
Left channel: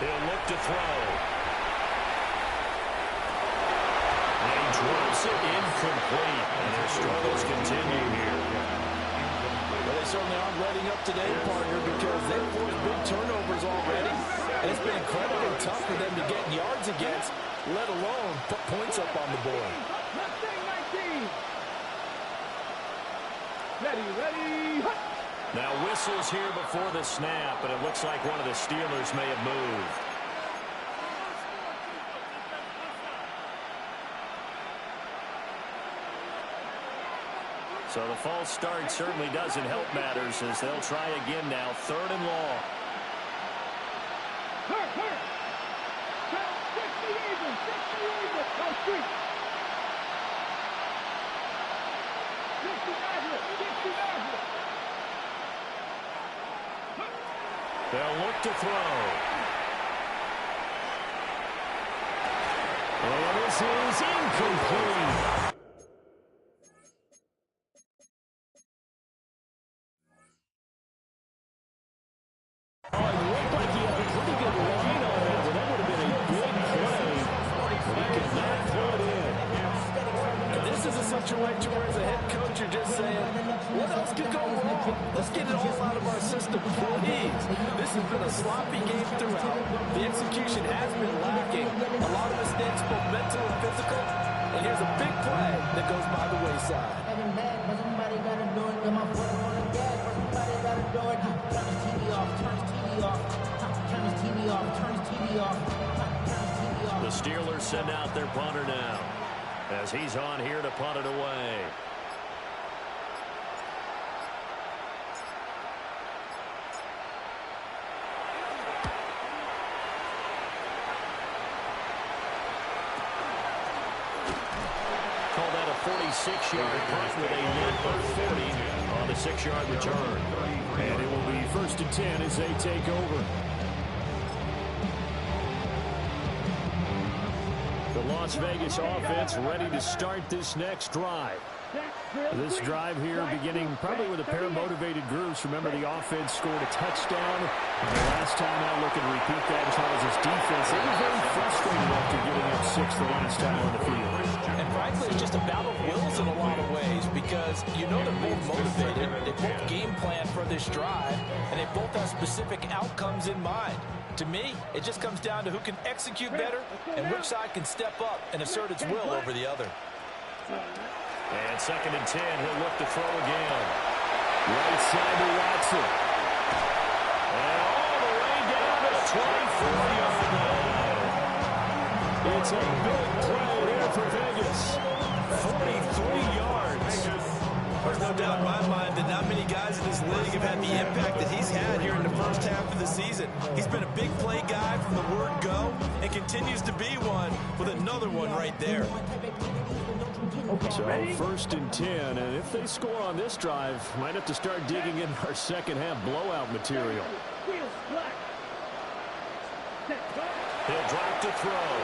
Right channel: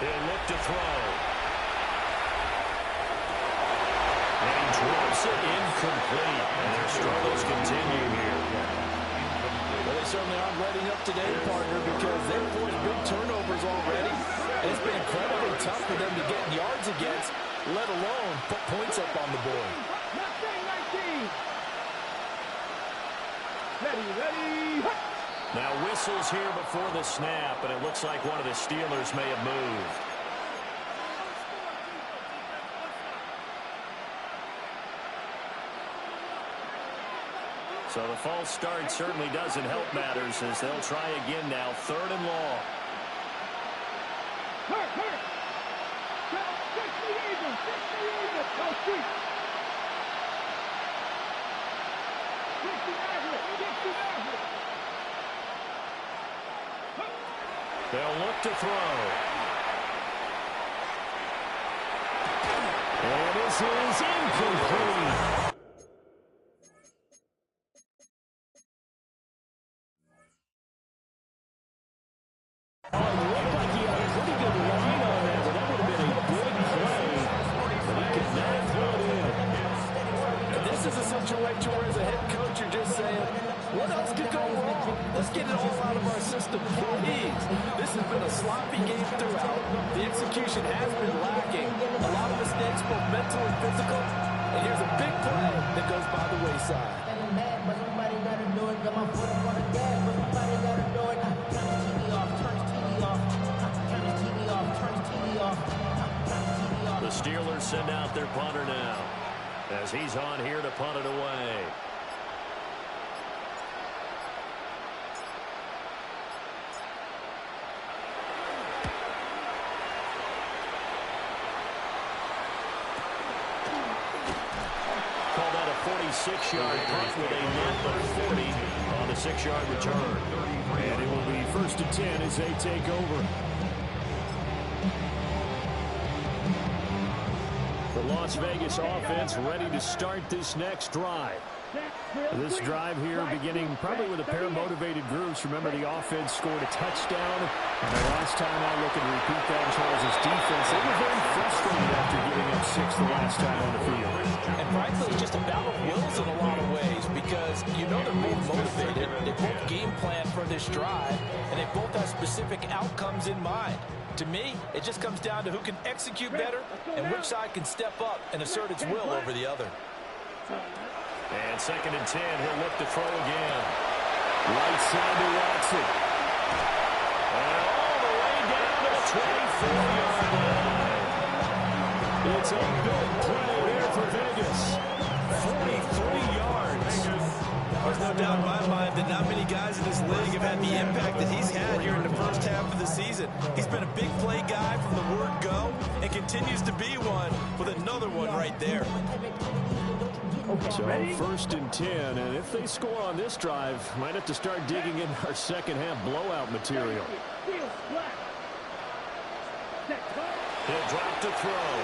He'll look to throw. And he drops it incomplete. And their struggles continue here. Well, they certainly aren't letting up today, partner, because they've forced big turnovers already. And it's been incredibly tough for them to get yards against, let alone put points up on the board. Ready. Now whistles here before the snap, and it looks like one of the Steelers may have moved. So the false start certainly doesn't help matters as they'll try again now. 3rd and long. Hurt. 60 Eagles. Go street. 60 Maverick. They'll look to throw. And this is incomplete. Oh, it looked like he had a pretty good line on that, but that would have been a big play. But he could not pull it in. And this is a situation where as a head coach you're just saying, what else could go wrong? Let's get it all out of our system, please. This has been a sloppy game throughout. The execution has been lacking. A lot of mistakes, both mental and physical. And here's a big play that goes by the wayside. But somebody gotta do it. Got my foot up on the gas, but somebody gotta do it. Turn his TV off, turn his TV off. Turn his TV off, turn his TV off. Turn his TV off. The Steelers send out their punter now as he's on here to punt it away. Call that a 46-yard punt with a net of 40 on the 6-yard return. And it will be 1st and 10 as they take over. The Las Vegas offense ready to start this next drive. This drive here beginning probably with a pair of motivated groups. Remember, the offense scored a touchdown on the last time out. Looking to repeat that in Charles' defense. They were very frustrated after giving up 6 the last time on the field. And frankly, it's just a battle of wills in a lot of ways because you know they're both motivated. They both game plan for this drive, and they both have specific outcomes in mind. To me, it just comes down to who can execute better and which side can step up and assert its will over the other. And 2nd and 10, he'll look to throw again. Right side to Watson. And all the way down to the 24-yard line. It's a big play there for Vegas. 43 yards. There's no doubt in my mind that not many guys in this league have had the impact that he's had here in the first half of the season. He's been a big play guy from the word go and continues to be one with another one right there. So 1st and 10, and if they score on this drive, might have to start digging in our second half blowout material. He'll drop to throw.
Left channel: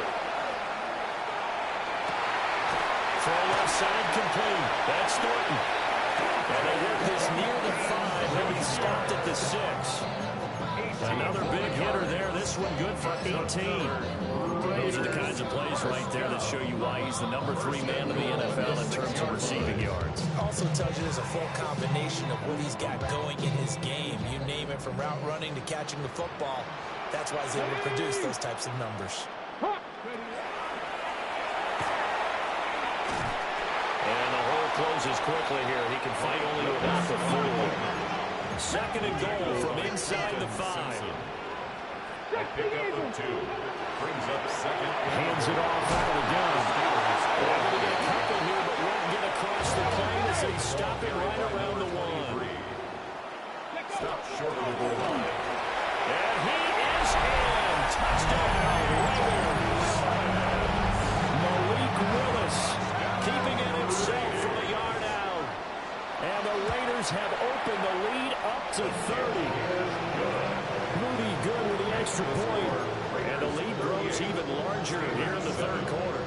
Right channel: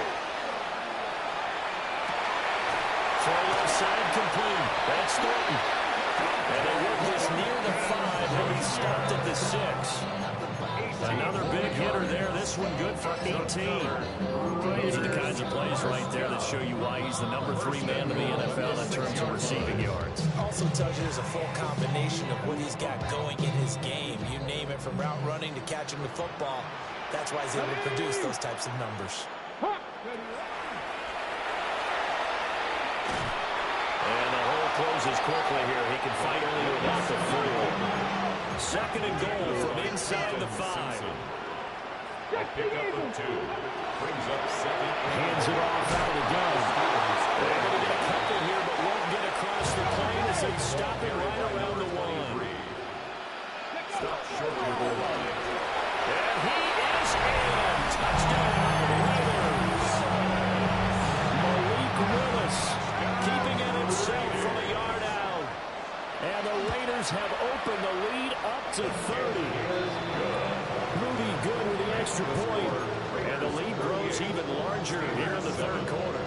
Throw left side complete. That's Thornton. And they work this near the 5. He'll be stopped at the 6. Another big hitter there. This one good for 18. Those are the kinds of plays right there that show you why he's the number 3 man in the NFL in terms of receiving yards. Also tells you there's a full combination of what he's got going in his game. You name it, from route running to catching the football. That's why he's able to produce those types of numbers. And the hole closes quickly here. He can fight only to about the 4. 2nd and goal from inside the 5. A pickup of 2. Brings up 2nd. Hands it off out of the gun. They're going to get a couple here, but won't get across the plane as they stop it right around the 1. Stop short of the goal line. And he is in. Touchdown, Raiders. Malik Willis Keeping it himself from a yard out. and the Raiders have opened the lead up to 30. Moody good with the extra point. And the lead grows even larger here in the 3rd quarter.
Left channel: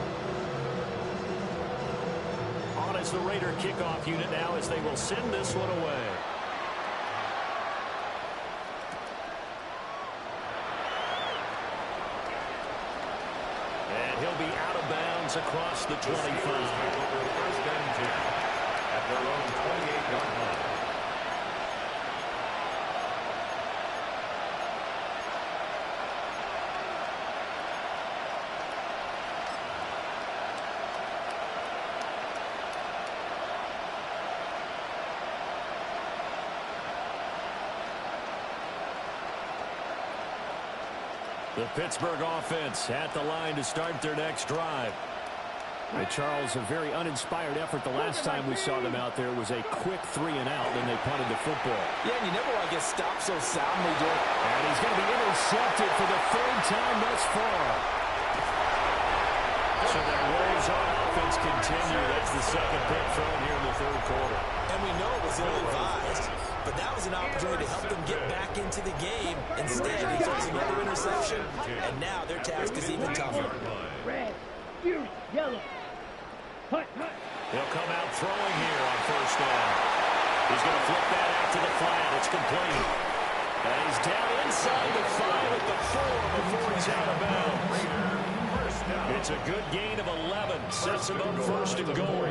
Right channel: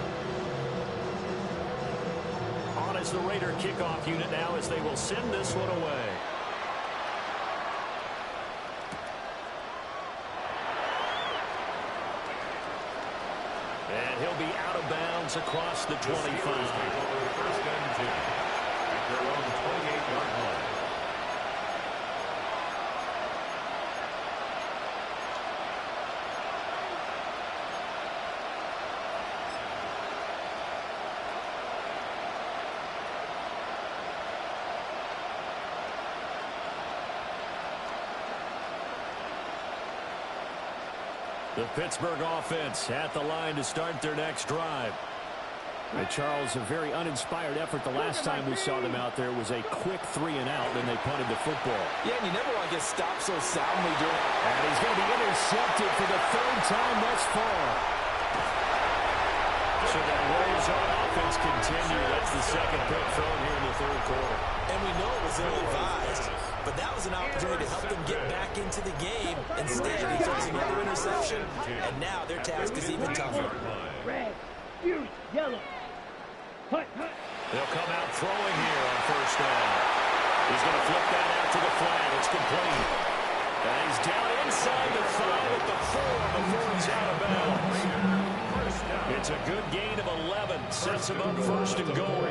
On is the Raider kickoff unit now as they will send this one away. And he'll be out of bounds across the 25. The Steelers take over 1st and 10 at their own 28-yard line. The Pittsburgh offense at the line to start their next drive. Charles, a very uninspired effort the last time we saw them out there was a quick 3 and out, then they punted the football. Yeah, and you never want to get stopped so soundly during. And he's going to be intercepted for the 3rd time thus far. So their woes on offense continue. That's the 2nd pick thrown here in the 3rd quarter. And we know it was ill-advised, but that was an opportunity to help them get back into the game. Instead, he throws another interception, and now their task is even tougher. Red, fury, yellow. Hut. They'll come out throwing here on 1st down. He's going to flip that out to the flat. It's complete. And he's down inside the 5 at the 4 before he's out of bounds. It's a good gain of 11. Sets him up 1st and goal.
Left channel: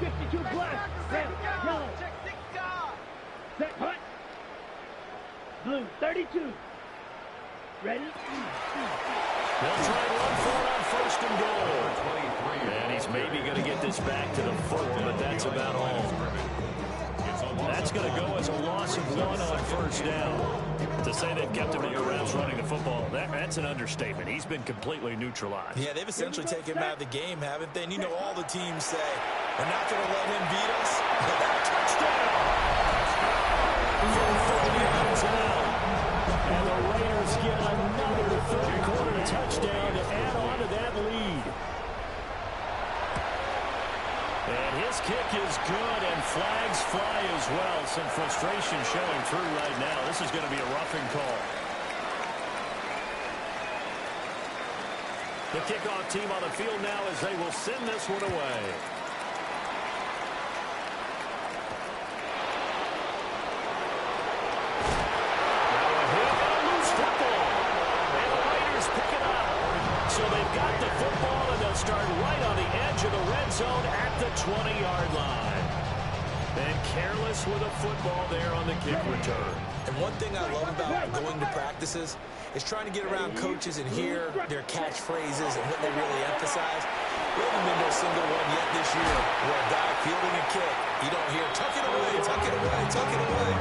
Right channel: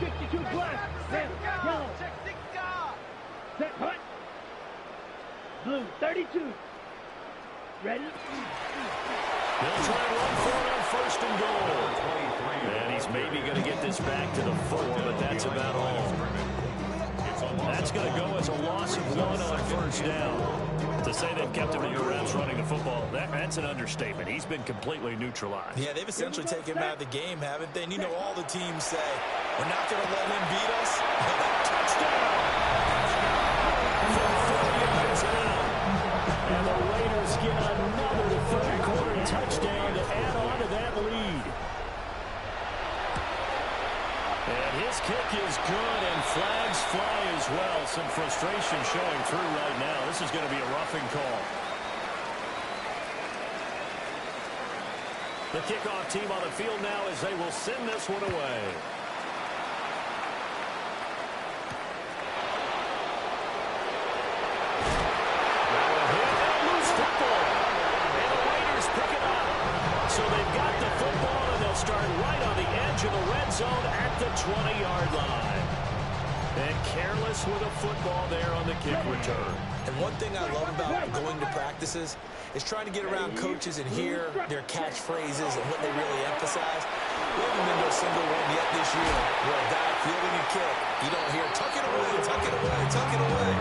52 black, red, yellow. Set, hut. Blue, 32. Ready? They'll try and run for it on 1st and goal. And he's maybe going to get this back to the 4, but that's about all. That's going to go as a loss of 1 on 1st down. To say they've kept him under wraps running the football, that's an understatement. He's been completely neutralized. Yeah, they've essentially taken him out of the game, haven't they? And you know all the teams say, we're not going to let him beat us. That touchdown! From 40 yards out. And the Raiders get another 3rd quarter touchdown to add on to that lead. And his kick is good, and flags fly as well. Some frustration showing through right now. This is going to be a roughing call. The kickoff team on the field now as they will send this one away. edge of the red zone at the 20-yard line. And careless with a football there on the kick return. And one thing I love about going to practices is trying to get around coaches and hear their catchphrases and what they really emphasize. We haven't been to a single one yet this year where a guy fielding a kick, you don't hear, tuck it away, tuck it away, tuck it away.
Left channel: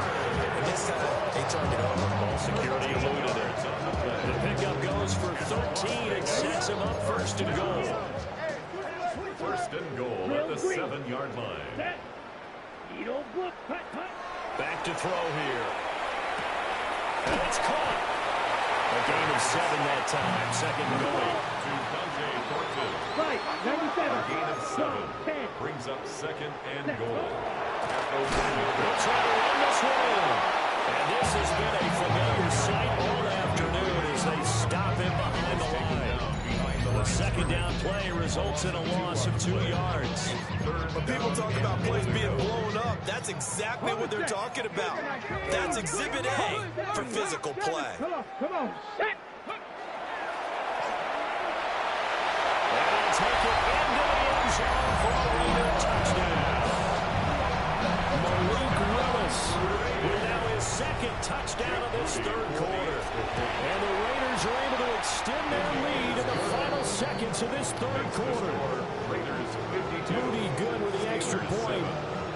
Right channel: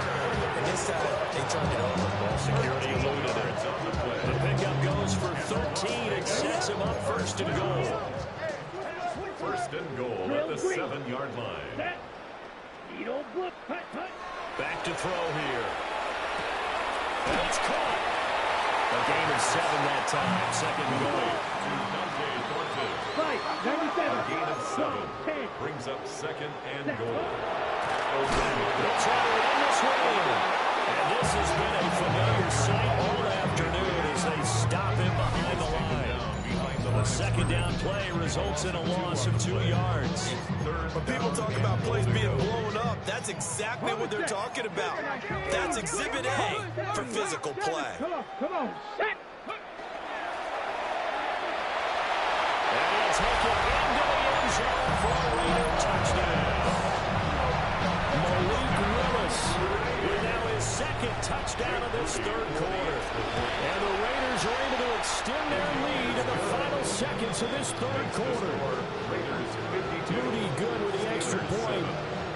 And this time, they turned it over. Ball security eluded it. The pickup goes for 13 and sets him up first and goal. First and goal at the 7-yard line. Back to throw here. And it's caught. A gain of 7 that time. Second and goal. To Dante Thornton. Right, 97. A gain of 7. Brings up second and goal. They'll try to run this one in. And this has been a familiar sight all afternoon as they stop him behind the line. The second down play results in a loss of 2 yards. When people talk about plays being blown up, that's exactly what they're talking about. That's Exhibit A for physical play. Come on, set. And he'll take it into the end zone for a Raider touchdown. Malik Willis with now his second touchdown of this third quarter. And the Raiders are able to extend their lead in the final seconds of this third quarter. Moody good with the extra point.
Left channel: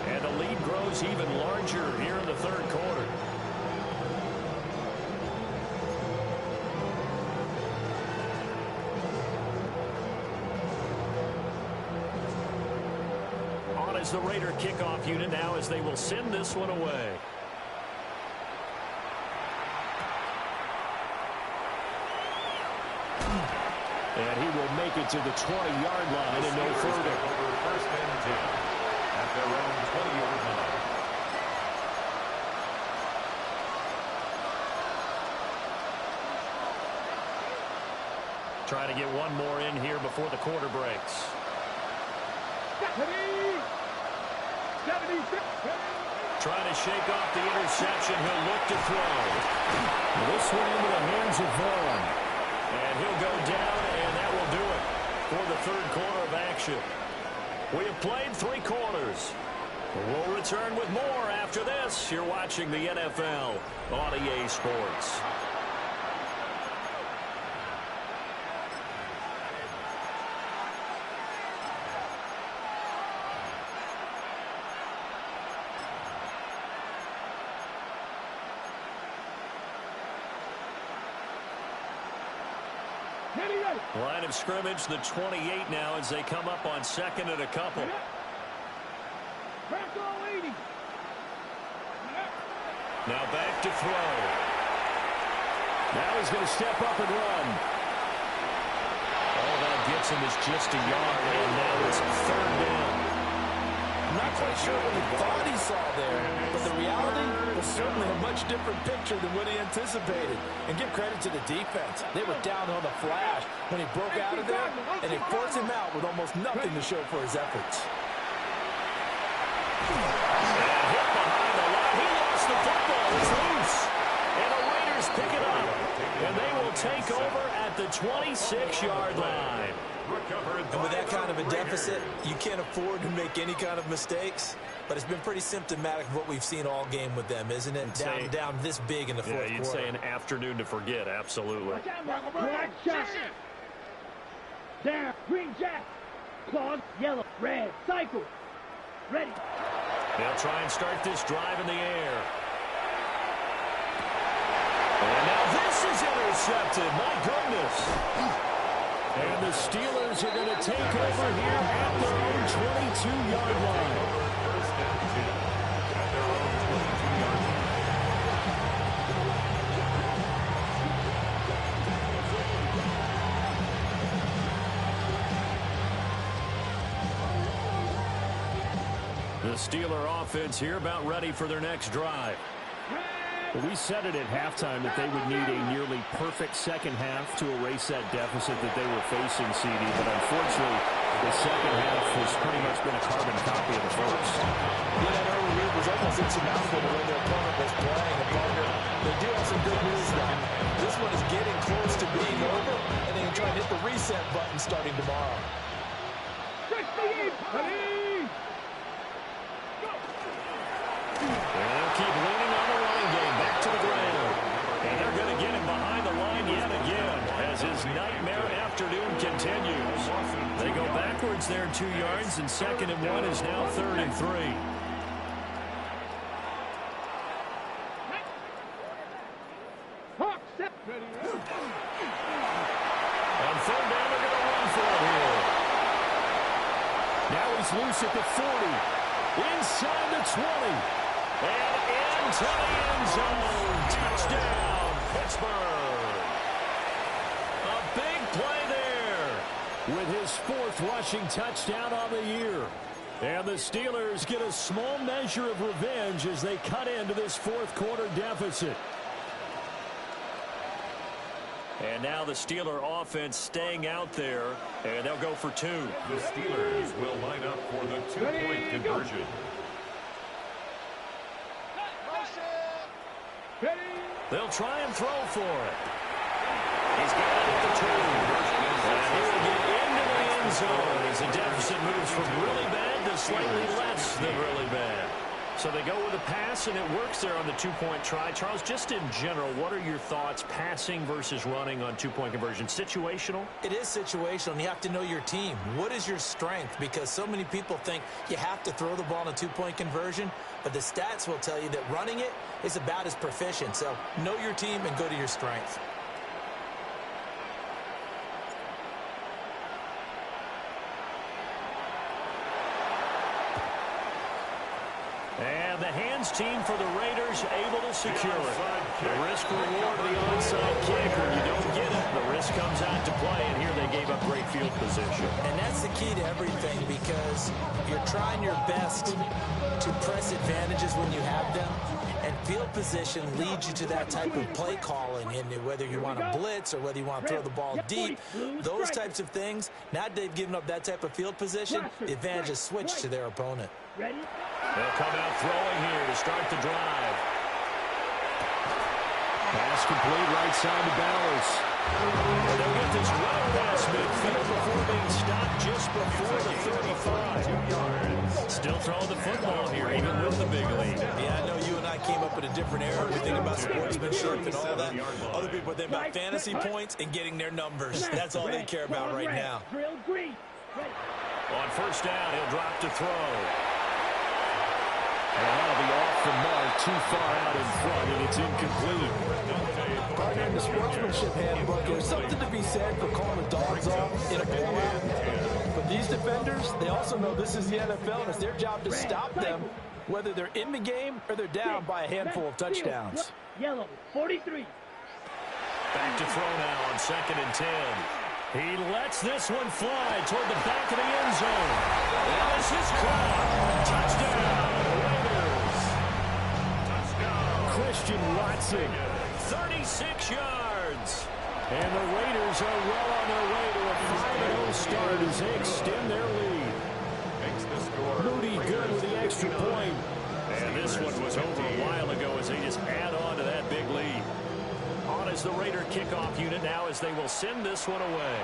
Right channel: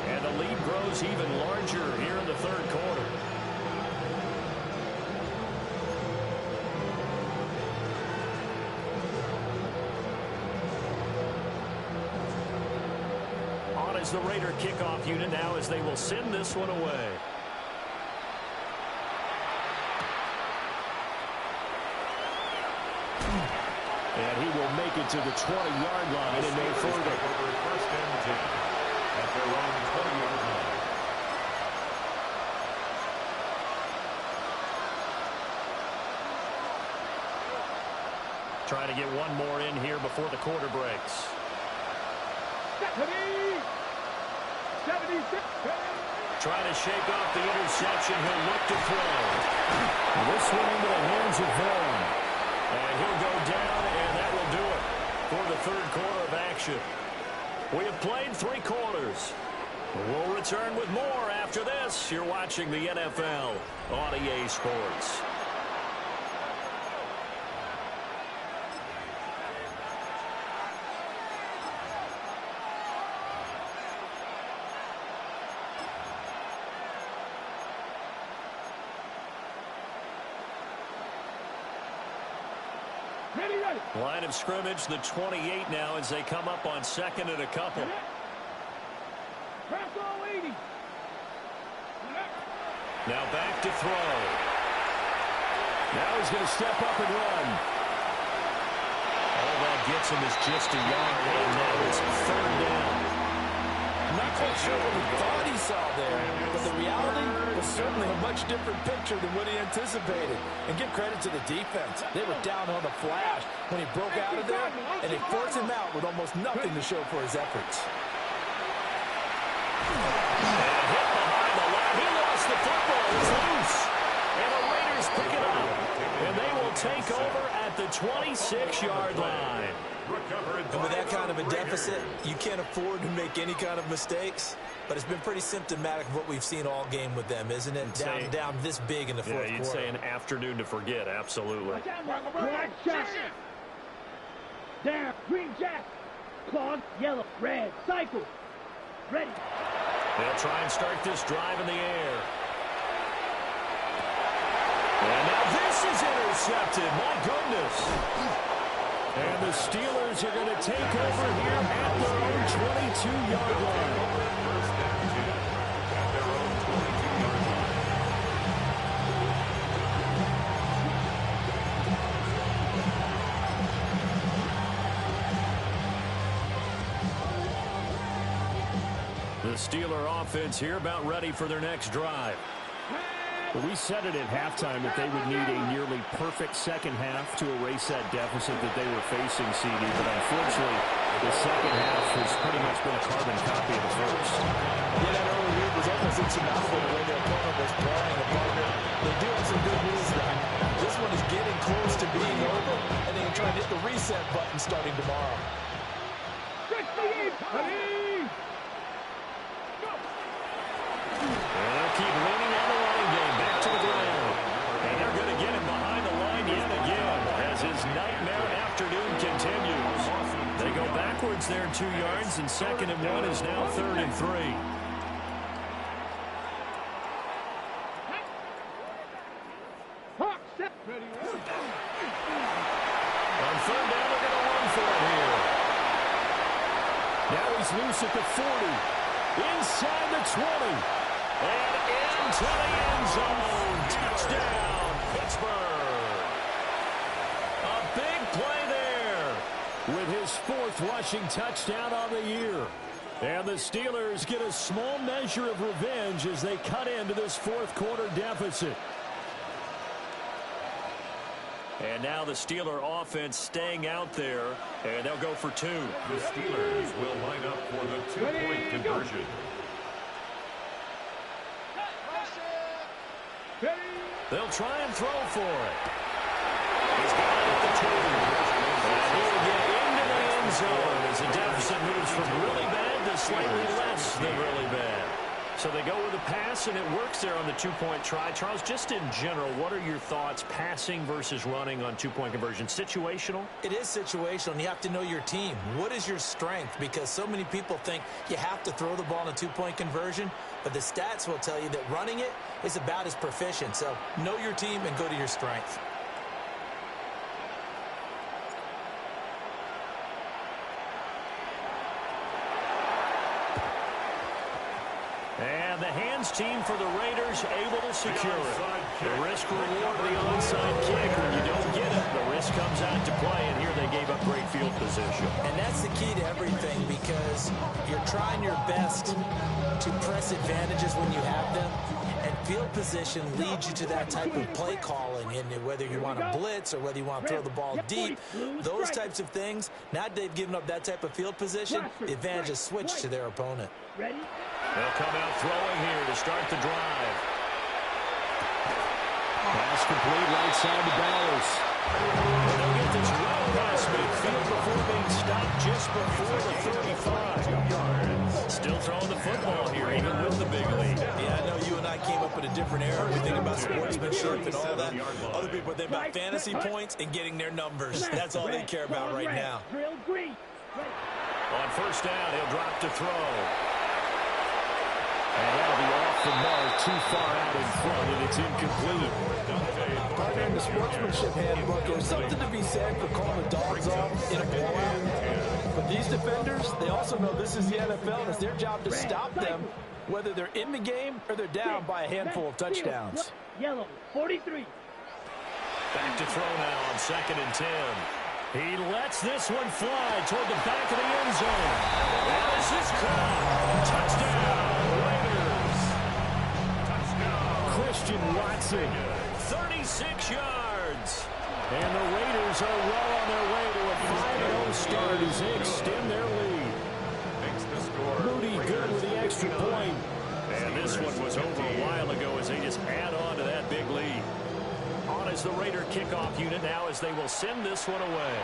And the lead grows even larger here in the third quarter. On is the Raider kickoff unit now as they will send this one away. And he will make it to the 20-yard line and no further. Over first and 10 at their own 20-yard line. Trying to get one more in here before the quarter breaks. 76. Trying to shake off the interception. He'll look to throw. This one into the hands of Vaughn. And he'll go down, and that will do it for the third quarter of action. We have played 3 quarters. We'll return with more after this. You're watching the NFL on EA Sports. Line of scrimmage, the 28 now as they come up on second and a couple. Now back to throw. Now he's going to step up and run. All that gets him is just a yard, and now it's third down. I'm not quite sure what he thought he saw there, but the reality was certainly a much different picture than what he anticipated. And give credit to the defense. They were down on the flash when he broke out of there, and they forced him out with almost nothing to show for his efforts. And hit behind the line. He lost the football. It's loose. And the Raiders pick it up. And they will take over at the 26-yard line. And with that kind of a deficit, you can't afford to make any kind of mistakes. But it's been pretty symptomatic of what we've seen all game with them, isn't it? Down this big in the fourth quarter. Yeah, you'd say an afternoon to forget, absolutely. Black shot. Down. Green jack. Claws. Yellow. Red. Cycle. Ready. They'll try and start this drive in the air. And now this is intercepted. My goodness. And the Steelers are going to take over here at their own 22-yard line. First and 10 at their own 22-yard line. The Steeler offense here about ready for their next drive. Well, we said it at halftime that they would need a nearly perfect second half to erase that deficit that they were facing, CD. But unfortunately, the second half has pretty much been a carbon copy of the first. Yeah, that early lead was almost insurmountable the way their opponent was playing. And partner, they do have some good news now. This one is getting close to being over, and they can try and hit the reset button starting tomorrow. 60 Ready? Go. And they'll keep leaning on the running game. Back to the ground. And they're going to get him behind the line yet again as his nightmare afternoon continues. They go backwards there 2 yards, and 2nd and 1 is now 3rd and 3. Hawk set. Ready? On 3rd down, they're going to run for it here. Now he's loose at the 40. Inside the 20. And into the end zone. Touchdown, Pittsburgh. A big play there with his 4th rushing touchdown on the year. And the Steelers get a small measure of revenge as they cut into this 4th quarter deficit. And now the Steeler offense staying out there, and they'll go for 2. The Steelers will line up for the 2-point conversion. Ready? They'll try and throw for it. He's got it at the 2. And he will get into the end zone as the deficit moves from really bad to slightly less than really bad. So they go with a pass, and it works there on the 2-point try. Charles, just in general, what are your thoughts passing versus running on 2-point conversion? Situational? It is situational, and you have to know your team. What is your strength? Because so many people think you have to throw the ball in a 2-point conversion, but the stats will tell you that running it is about as proficient. So know your team and go to your strength. And the hands team for the Raiders able to secure it. The risk reward of the onside kick. When you don't get it, the risk comes out to play, and here they gave up great field position. And that's the key to everything, because you're trying your best to press advantages when you have them, and field position leads you to that type of play calling. And whether you want to blitz or whether you want to throw the ball deep, those types of things, now that they've given up that type of field position, the advantage is switched to their opponent. Ready? They'll come out throwing here to start the drive. Pass complete right side to Bowers. And they'll get this well past midfield before being stopped just before the 35. 2 yards. Still throwing the football here, even with the big lead. Yeah, I know you and I came up in a different era. We think about sportsmanship and all that. Other people think about fantasy points and getting their numbers. That's all they care about right now. Drill green. On 1st down, he'll drop to throw. And that'll be off the mark, too far out in front, and it's incomplete. Partner, in the sportsmanship handbook, there's something to be said for calling the dogs off in a blowout. But these defenders, they also know this is the NFL, and it's their job to stop them, whether they're in the game or they're down by a handful of touchdowns. Yellow, 43. Back to throw now on 2nd and 10. He lets this one fly toward the back of the end zone. And this is caught. Touchdown, Raiders. Touchdown. Christian Watson, 36 yards. And the Raiders are well on their way to a 5-0 start as they extend their lead. Makes the score. Moody good with the extra point. And this one was over a while ago as they just add on to that big lead. On is the Raider kickoff unit now as they will send this one away.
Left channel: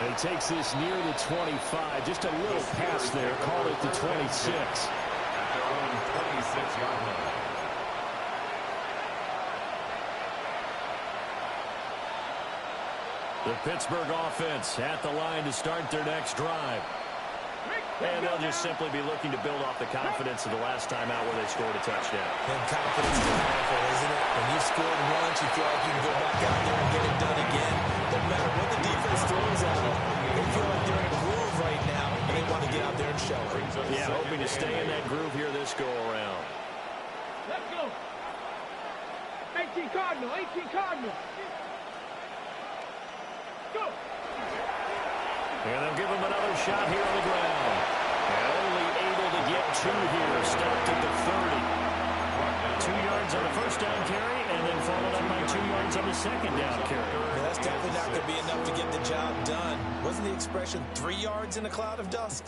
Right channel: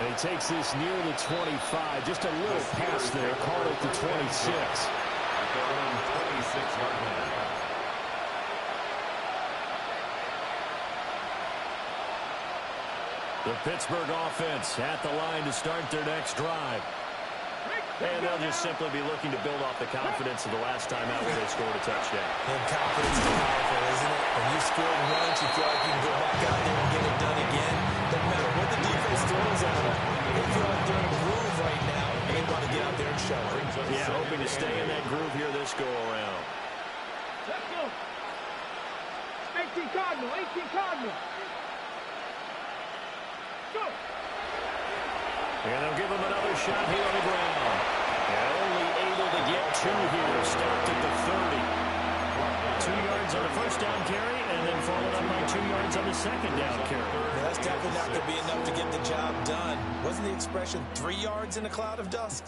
And he takes this near the 25. Just a little pass there. Called it the 26. At their own 26-yard line. The Pittsburgh offense at the line to start their next drive. And they'll just simply be looking to build off the confidence of the last time out where they scored a touchdown. And confidence is powerful, isn't it? When you scored once, you feel like you can go back out there and get it done again. Doesn't matter what the defense throws at them. They feel like they're in a groove right now, and they want to get out there and show it. Yeah, hoping to stay in that groove here this go-around. Let's go. 18 Cardinal, 18 Cardinal. Go. And they'll give him another shot here on the ground. And only able to get 2 here. Stopped at the 30. 2 yards on the 1st down carry, and then followed up by 2 yards on the 2nd down carry. Yeah, that's definitely not going to be enough to get the job done. Wasn't the expression 3 yards in a cloud of dust?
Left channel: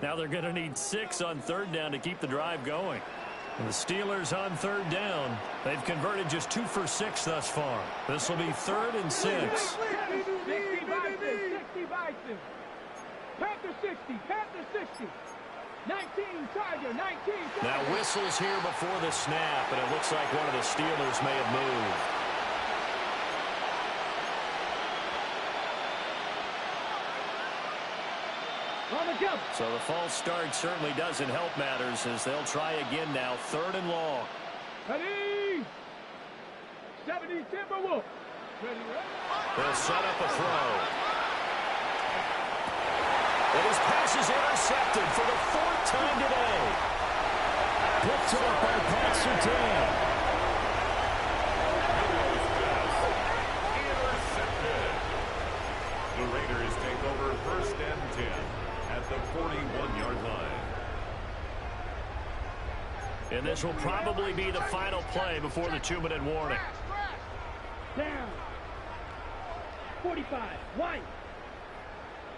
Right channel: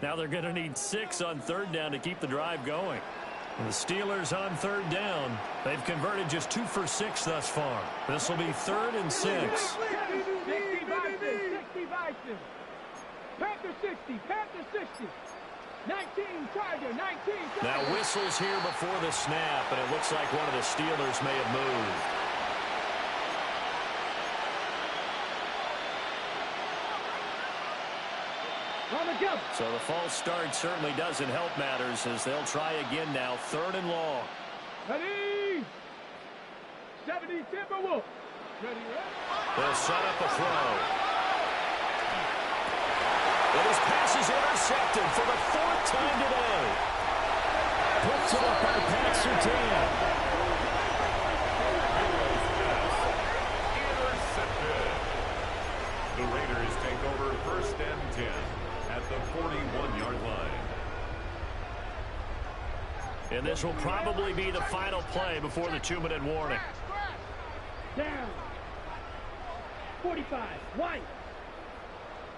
Now they're going to need 6 on 3rd down to keep the drive going. And the Steelers on third down. They've converted just 2 for 6 thus far. This will be 3rd and 6. 60 Bison. Panther 60. Panther 60. 19 Tiger. 19 Tiger. Now whistles here before the snap, and it looks like one of the Steelers may have moved. So the false start certainly doesn't help matters as they'll try again now. 3rd and long. Ready. 70 Timberwolves. Ready. They'll set up a throw. And his pass is intercepted for the 4th time today. Picked off by Pat Surtain. Intercepted. The Raiders take over 1st and 10 at the 41-yard line. And this will probably be the final play before the 2-minute warning. Down. 45. White.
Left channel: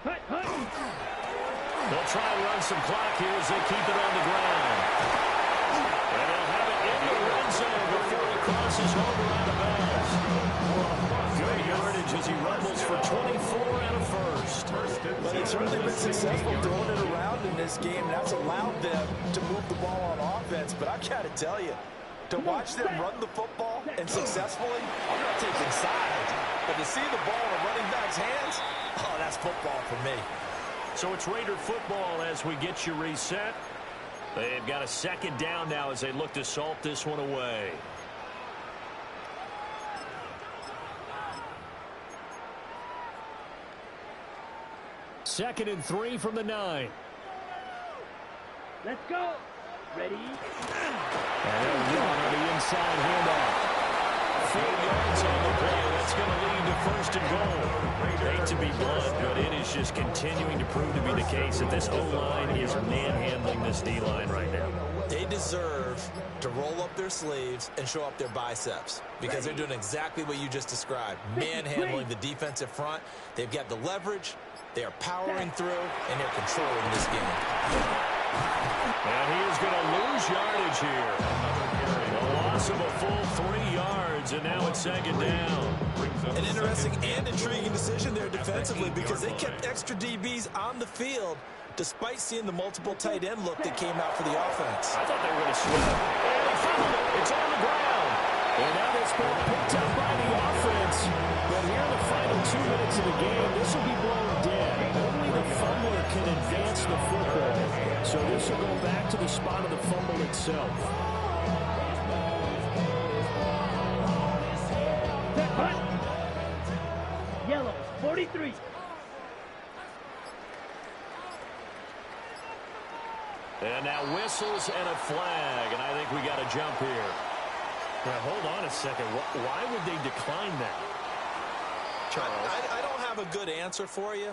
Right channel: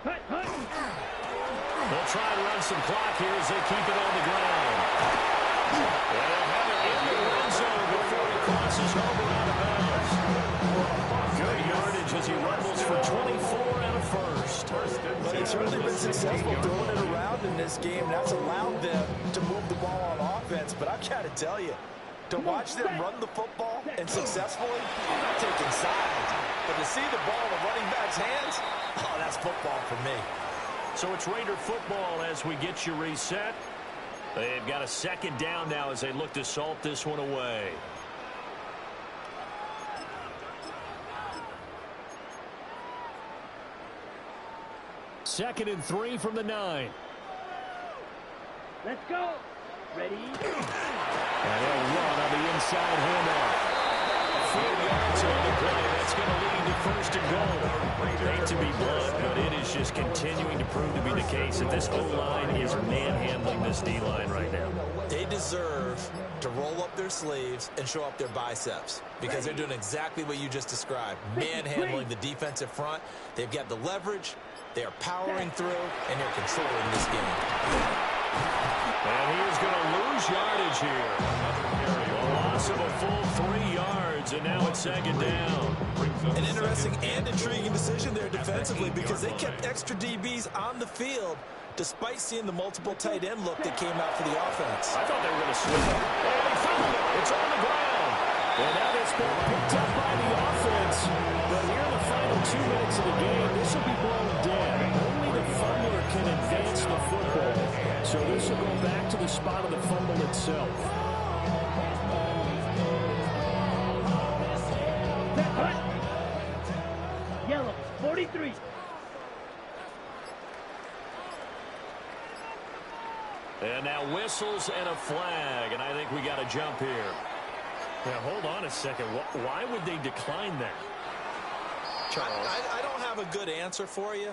Hut. They'll try and run some clock here as they keep it on the ground. And they'll have it in the red zone before he crosses over out of bounds. Good yardage as he rumbles for 24 and a first. But he's certainly been successful throwing it around in this game. That's allowed them to move the ball on offense. But I've got to tell you, to watch them run the football and successfully, I'm not taking sides. But to see the ball in the running back's hands, oh, that's football for me. So it's Raider football as we get you reset. They've got a 2nd down now as they look to salt this one away. Second and 3 from the 9. Let's go. Ready. And he'll run on the inside handoff. 4 yards on the play. That's going to lead to 1st and goal. Hate to be blunt, but it is just continuing to prove to be the case that this O-line is manhandling this D-line right now. They deserve to roll up their sleeves and show up their biceps because they're doing exactly what you just described, manhandling the defensive front. They've got the leverage, they are powering through, and they're controlling this game. And he is going to lose yardage here. A loss of a full 3 yards, and now it's 2nd down. An interesting and intriguing decision there defensively because they kept extra DBs on the field despite seeing the multiple tight end look that came out for the offense. I thought they were going to switch. And he fumbled it. It's on the ground. And now this ball picked up by the offense. But here in the final 2 minutes of the game, this will be blown dead. Only the fumbler can advance the football. So this will go back to the spot of the fumble itself. Yellow. 43. And now whistles and a flag. And I think we got to jump here. Now, hold on a second. Why would they decline that? Charles? I don't have a good answer for you,